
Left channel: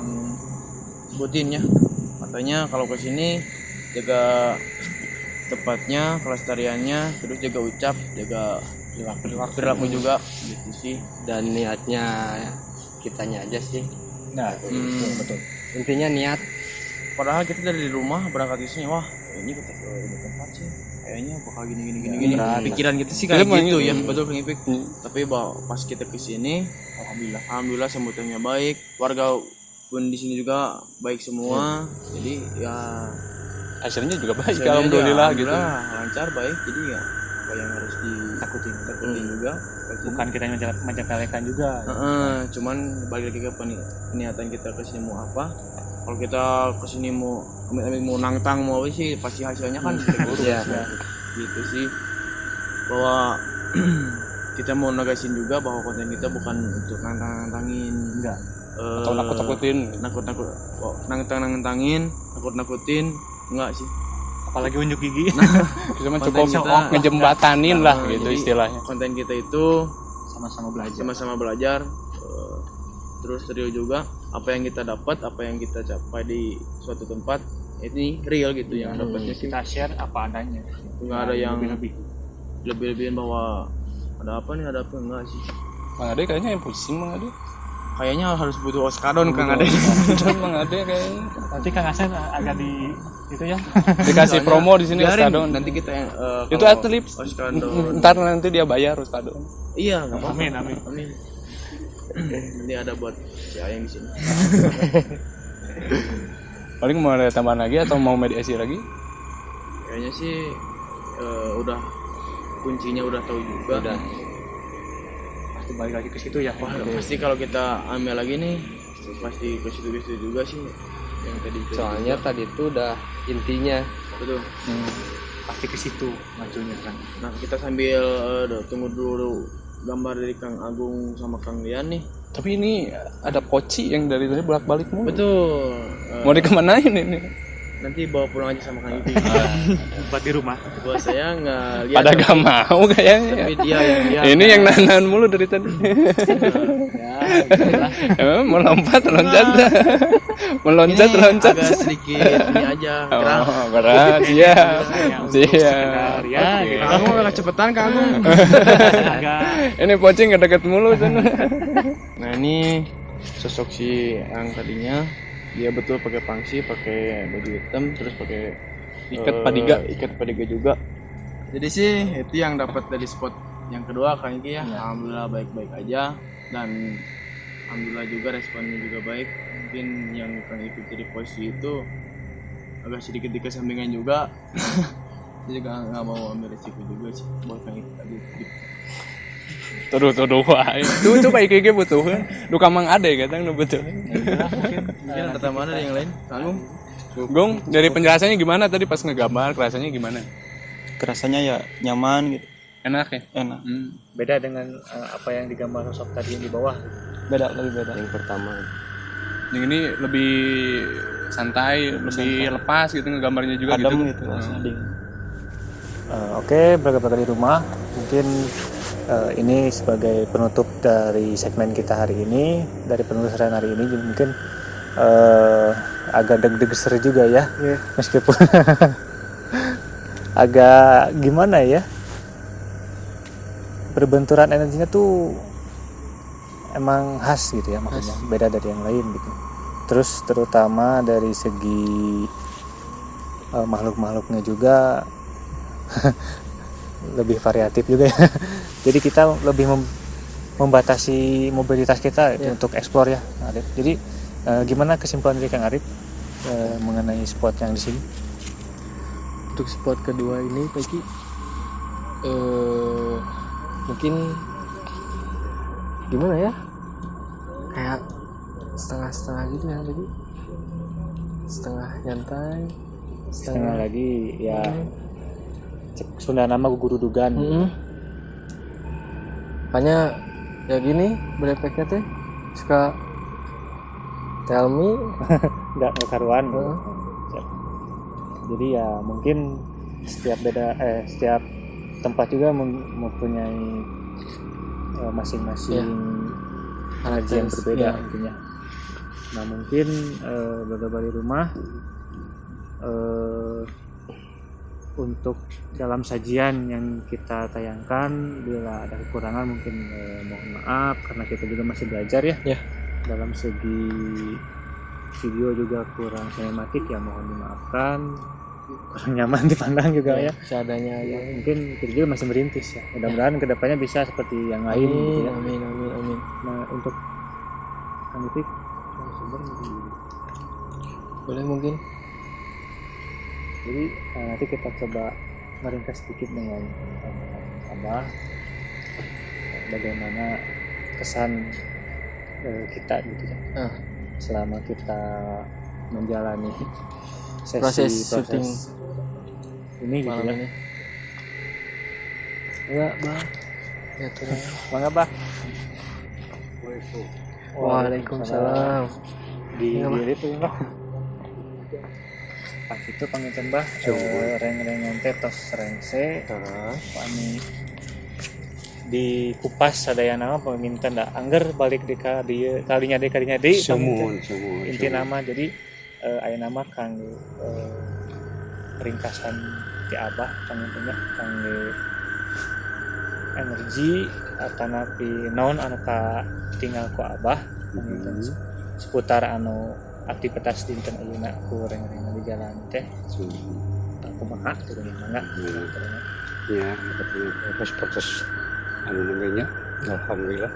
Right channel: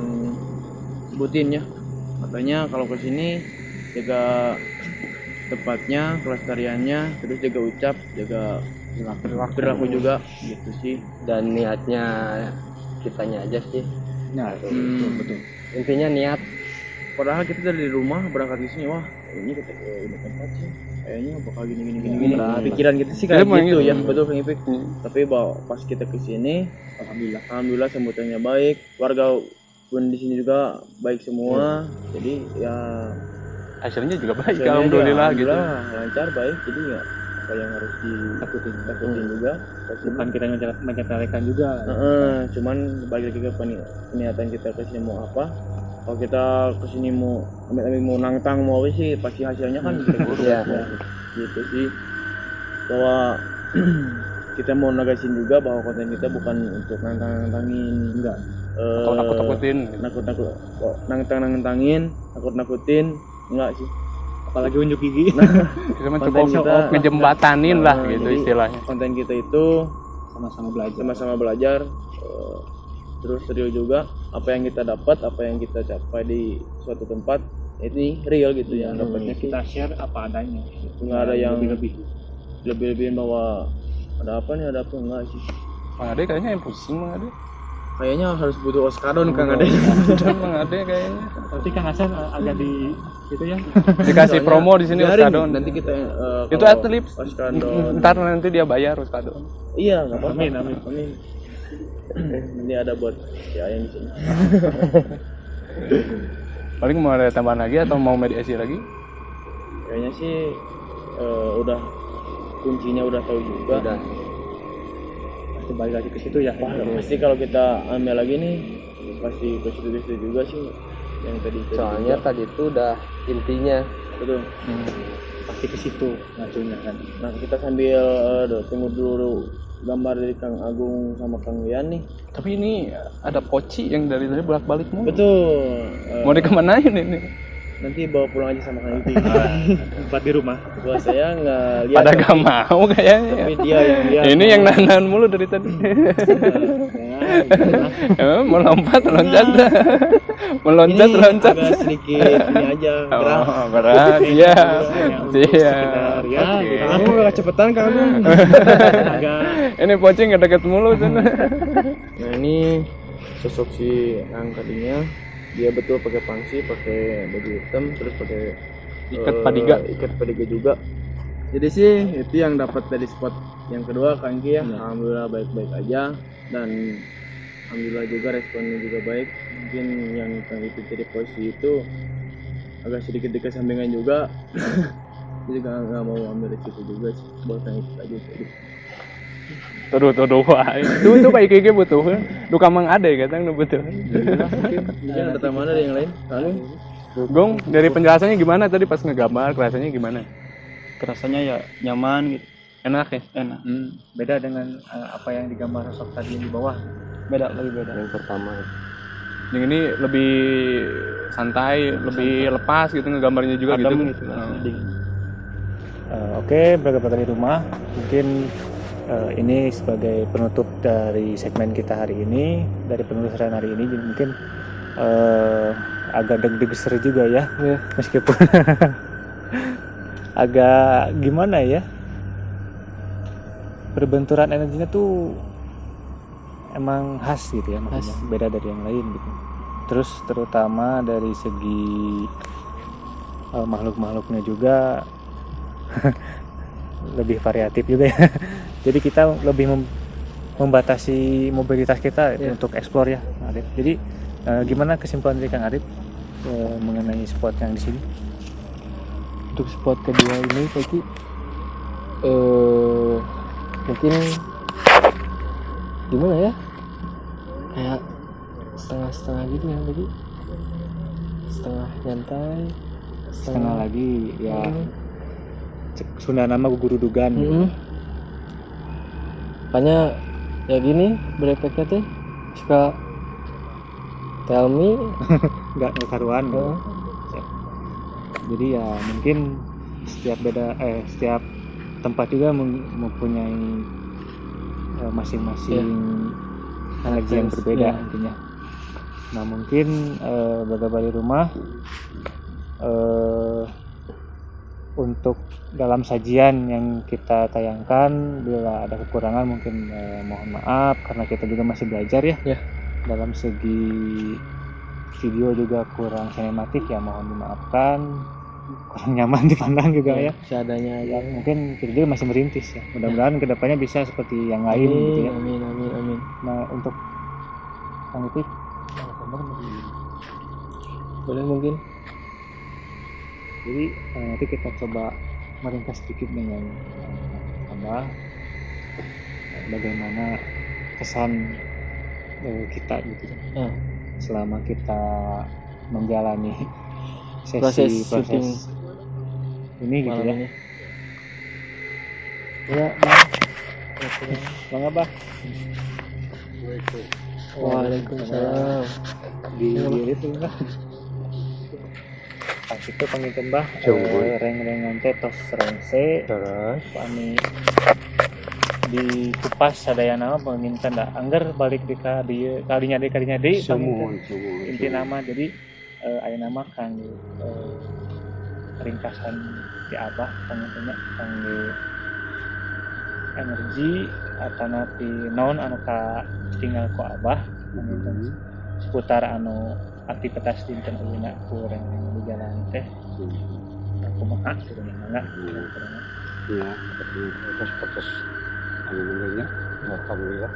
sebutin ya, katanya kalau ke sini jaga tempatnya, pelestariannya, terus jaga ucap, jaga perilaku juga gitu sih. Dan niatnya kitanya aja sih. Nah, Intinya niat padahal kita dari rumah berangkat ke sini, wah ini kita ini tempat sih kayaknya bakal gini. Nah, pikiran kita sih kayak gitu ya, betul Kang Ipik. Tapi pas kita ke sini, alhamdulillah sambutannya baik, warga pun di sini juga baik semua. Jadi ya Hasilnya juga baik, hasilnya alhamdulillah gitu. lancar baik. Jadi ya apa yang harus ditakutin juga. Bukan kita menyepelekan juga. Cuman balik lagi ke niatan kita ke sini mau apa. Kalau kita kesini mau nantang mau apa sih, pasti hasilnya kan Iya. gitu sih, bahwa kita mau negasin juga bahwa konten kita bukan untuk nantangin, Enggak. Atau nakut-nakutin. Nakut-nakutin enggak sih. Apalagi unjuk gigi. Cuma Konten cukup kita- ngejembatanin lah gitu Jadi, istilahnya. konten kita itu sama-sama belajar, terus real juga. Apa yang kita dapat, apa yang kita capai di suatu tempat ini real gitu yang dapatnya sih. Kita share apa adanya. Nggak ada yang lebih. lebih-lebihin bahwa ada apa enggak sih. Bang Ade kayaknya yang pusing Bang Ade. Kayaknya harus butuh oskadon Kang Ade. Bang Ade kayaknya Nanti Kang Hasan agak di itu ya. dikasih promo di sini Biarin, Oskadon. nanti kita Itu kalau atlet. Oskadon. Ntar nanti dia bayar Oskadon. Iya, enggak apa-apa. Amin. Nanti ada buat si Ayang di sini. Paling mau ada tambahan lagi atau mau mediasi lagi? Kayaknya sih udah kuncinya udah tahu juga. Pasti balik lagi ke situ ya. Wah, pasti kalau kita ambil lagi nih pasti ke situ juga sih yang tadi. Soalnya tadi itu udah intinya. Betul. Pasti ke situ majunya kan. Nah, kita sambil tunggu dulu gambar dari Kang Agung sama Kang Lian nih. Tapi ini ada poci yang dari tadi bolak-balik mulu. Betul. Mau dikemanain ini? Nanti bawa pulang aja sama Kang Ipik. Buat di rumah. Gua saya nggak lihat. Pada gak mau kayaknya. Tapi dia Ini yang nahan mulu dari tadi. Emang mau loncat. Meloncat. agak sedikit ini aja. Gerah. Berat, iya. Sekedar ya. gitu. Kamu nggak cepetan Kang Agung. Agak Ini poci nggak deket mulu sana. Nah ini sosok si yang tadinya dia betul pakai pangsi, pakai baju hitam, terus pakai Ikat padiga. ikat padiga juga. Jadi sih itu yang dapat dari spot yang kedua Kang Ki ya. Alhamdulillah baik-baik aja dan alhamdulillah juga responnya juga baik. Mungkin yang Kang itu dari posisi itu agak sedikit dikesampingan juga. Jadi nggak mau ambil resiko juga sih buat Kang itu aja tadi. Tuduh wah. Itu kayak gini butuh. Lu kamang ada kadang lu butuh. Mungkin ada tambahan ada yang lain? Lalu Gong, dari penjelasannya gimana tadi pas ngegambar, rasanya gimana? Kerasanya ya nyaman gitu, Enak ya? enak. beda dengan apa yang digambar sosok tadi yang di bawah. Lebih beda. Yang pertama. Yang ini lebih santai, lebih lepas gitu ngegambarnya juga Adem gitu. gitu, Oke, beragam di rumah. Mungkin ini sebagai penutup dari segmen kita hari ini, dari penelusuran hari ini. Jadi mungkin agak deg-deger juga ya, meskipun agak gimana ya, berbenturan energinya tuh emang khas gitu ya, makanya beda dari yang lain gitu. Terus terutama dari segi makhluk-makhluknya juga lebih variatif juga ya. Jadi kita lebih membatasi mobilitas kita untuk eksplor ya, Arif. Jadi gimana kesimpulan dari Kang Arif mengenai spot yang di sini? Untuk spot kedua ini Peki mungkin gimana ya, kayak setengah-setengah gitu ya Peki, setengah nyantai, Setengah lagi ya, Sunda nama guru dugan. makanya ya gini berefeknya teh suka tell me. Nggak karuan. Jadi ya mungkin setiap tempat juga mempunyai masing-masing energi yang berbeda ya. intinya. Nah mungkin beberapa di rumah untuk dalam sajian yang kita tayangkan, bila ada kekurangan mungkin mohon maaf, karena kita juga masih belajar ya. Ya. Dalam segi video juga kurang sinematik ya mohon dimaafkan, kurang nyaman dipandang juga ya. Seadanya aja. Mungkin kita juga masih merintis ya. Mudah-mudahan kedepannya bisa seperti yang lain gitu ya. Amin, amin, amin. Nah untuk Kang Ipik, Boleh mungkin. jadi nanti kita coba meringkas sedikit dengan Abah bagaimana kesan kita gitu ya. Selama kita menjalani Proses syuting ini gitu malam ya. ini. Ya, Bang. Bang Abah. Waalaikumsalam. Di itu Mbah. Pas itu panginten Mbah reng-rengan teh tos rengse Terus kami dikupas sadayana mah panginten da angger balik di ka dieu kalinya deui semun inti nama jadi aya nama kang ringkasan ti Abah panginten kangge energi atau napi naon anu ka tinggal ku Abah panginten seputar anu aktivitas dinten ayeuna ku reng-rengan di jalan teh kumaha gitu gimana ya proses anu namanya alhamdulillah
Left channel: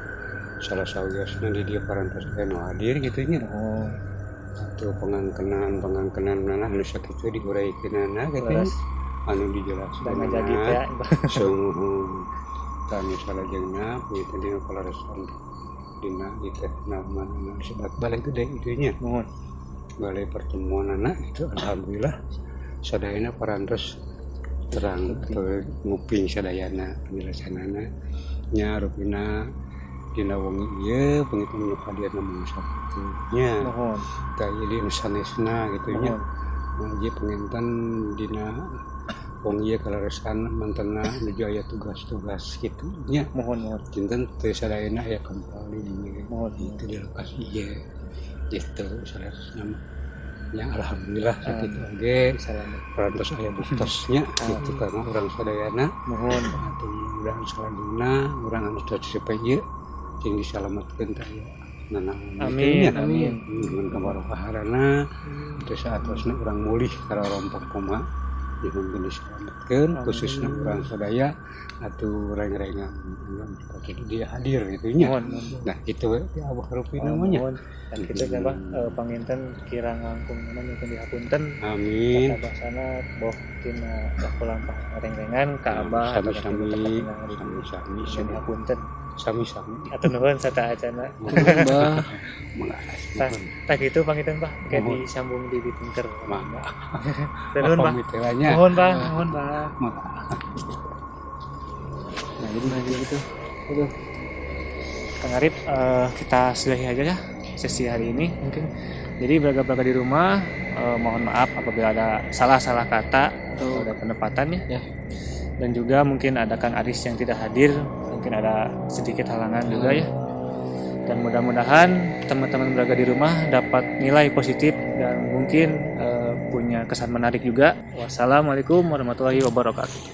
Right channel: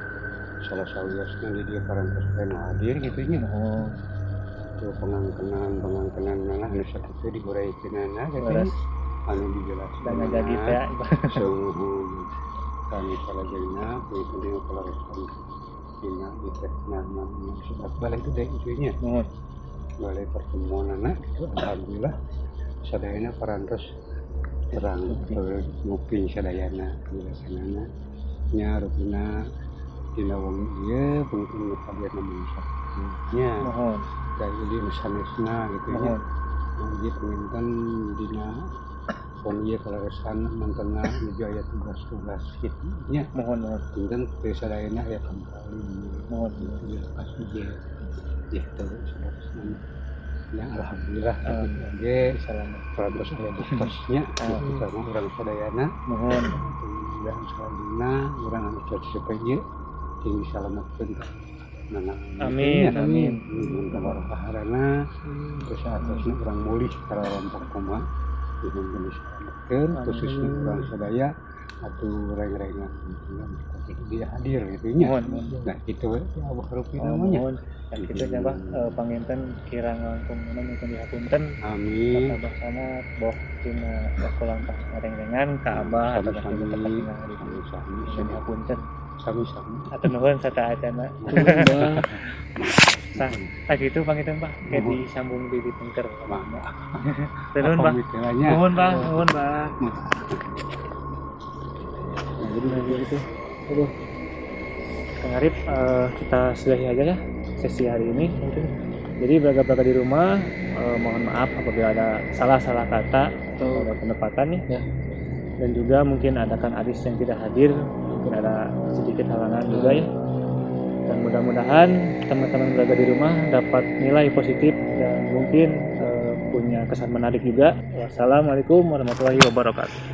salah sawiasna di dia parantos anu hadir gitu nya. Tuh pengangkenan mana anu sakitu diuraykeunana gitu anu dijelaskeun jadi teh suhu kami salajengna itu dia kalaresan dina itu nama sebab balai gede itu nya. Balai pertemuan anak itu alhamdulillah sadayana parantos terang nguping sadayana penjelasanana nya rupina dina wengi ieu pengitung hadir namun nya ka jadi sanesna gitu nya jadi penginten dina wengi ieu kalaresan mantena nuju aya tugas-tugas kitu nya mohon kinten teu sadayana aya kembali di lokasi ieu gitu sanesna yang alhamdulillah sakitu oge parantos aya buktosnya gitu karena urang sadayana mohon mudah-mudahan salanjutna urang anu sacepet ieu jeung disalametkeun ta amin amin mun kabarokaharana teu saatosna urang mulih karalompok kumaha jeung disalametkeun khususna urang sadaya atuh reng-rengan dia hadir gitu nya. Nah gitu ya Abah Rupina namanya. Dan kita coba panginten kirang langkung mungkin dihapunten. Amin. Abah sana boh tina kolampah reng-rengan ka Abah sami-sami dihapunten. Sami-sami. Atuh nuhun sata acana. Tah gitu panginten Bah, kayak disambung di pinker. Nuhun Bah. Nuhun Bah. Jadi gitu. Aduh. Kang Arif, kita sudahi aja ya sesi hari ini mungkin. Jadi belaga-belaga di rumah, mohon maaf apabila ada salah-salah kata atau ada penempatan ya. Dan juga mungkin ada Kang Aris yang tidak hadir, mungkin ada sedikit halangan juga ya. Dan mudah-mudahan teman-teman belaga di rumah dapat nilai positif dan mungkin punya kesan menarik juga. Wassalamualaikum warahmatullahi wabarakatuh.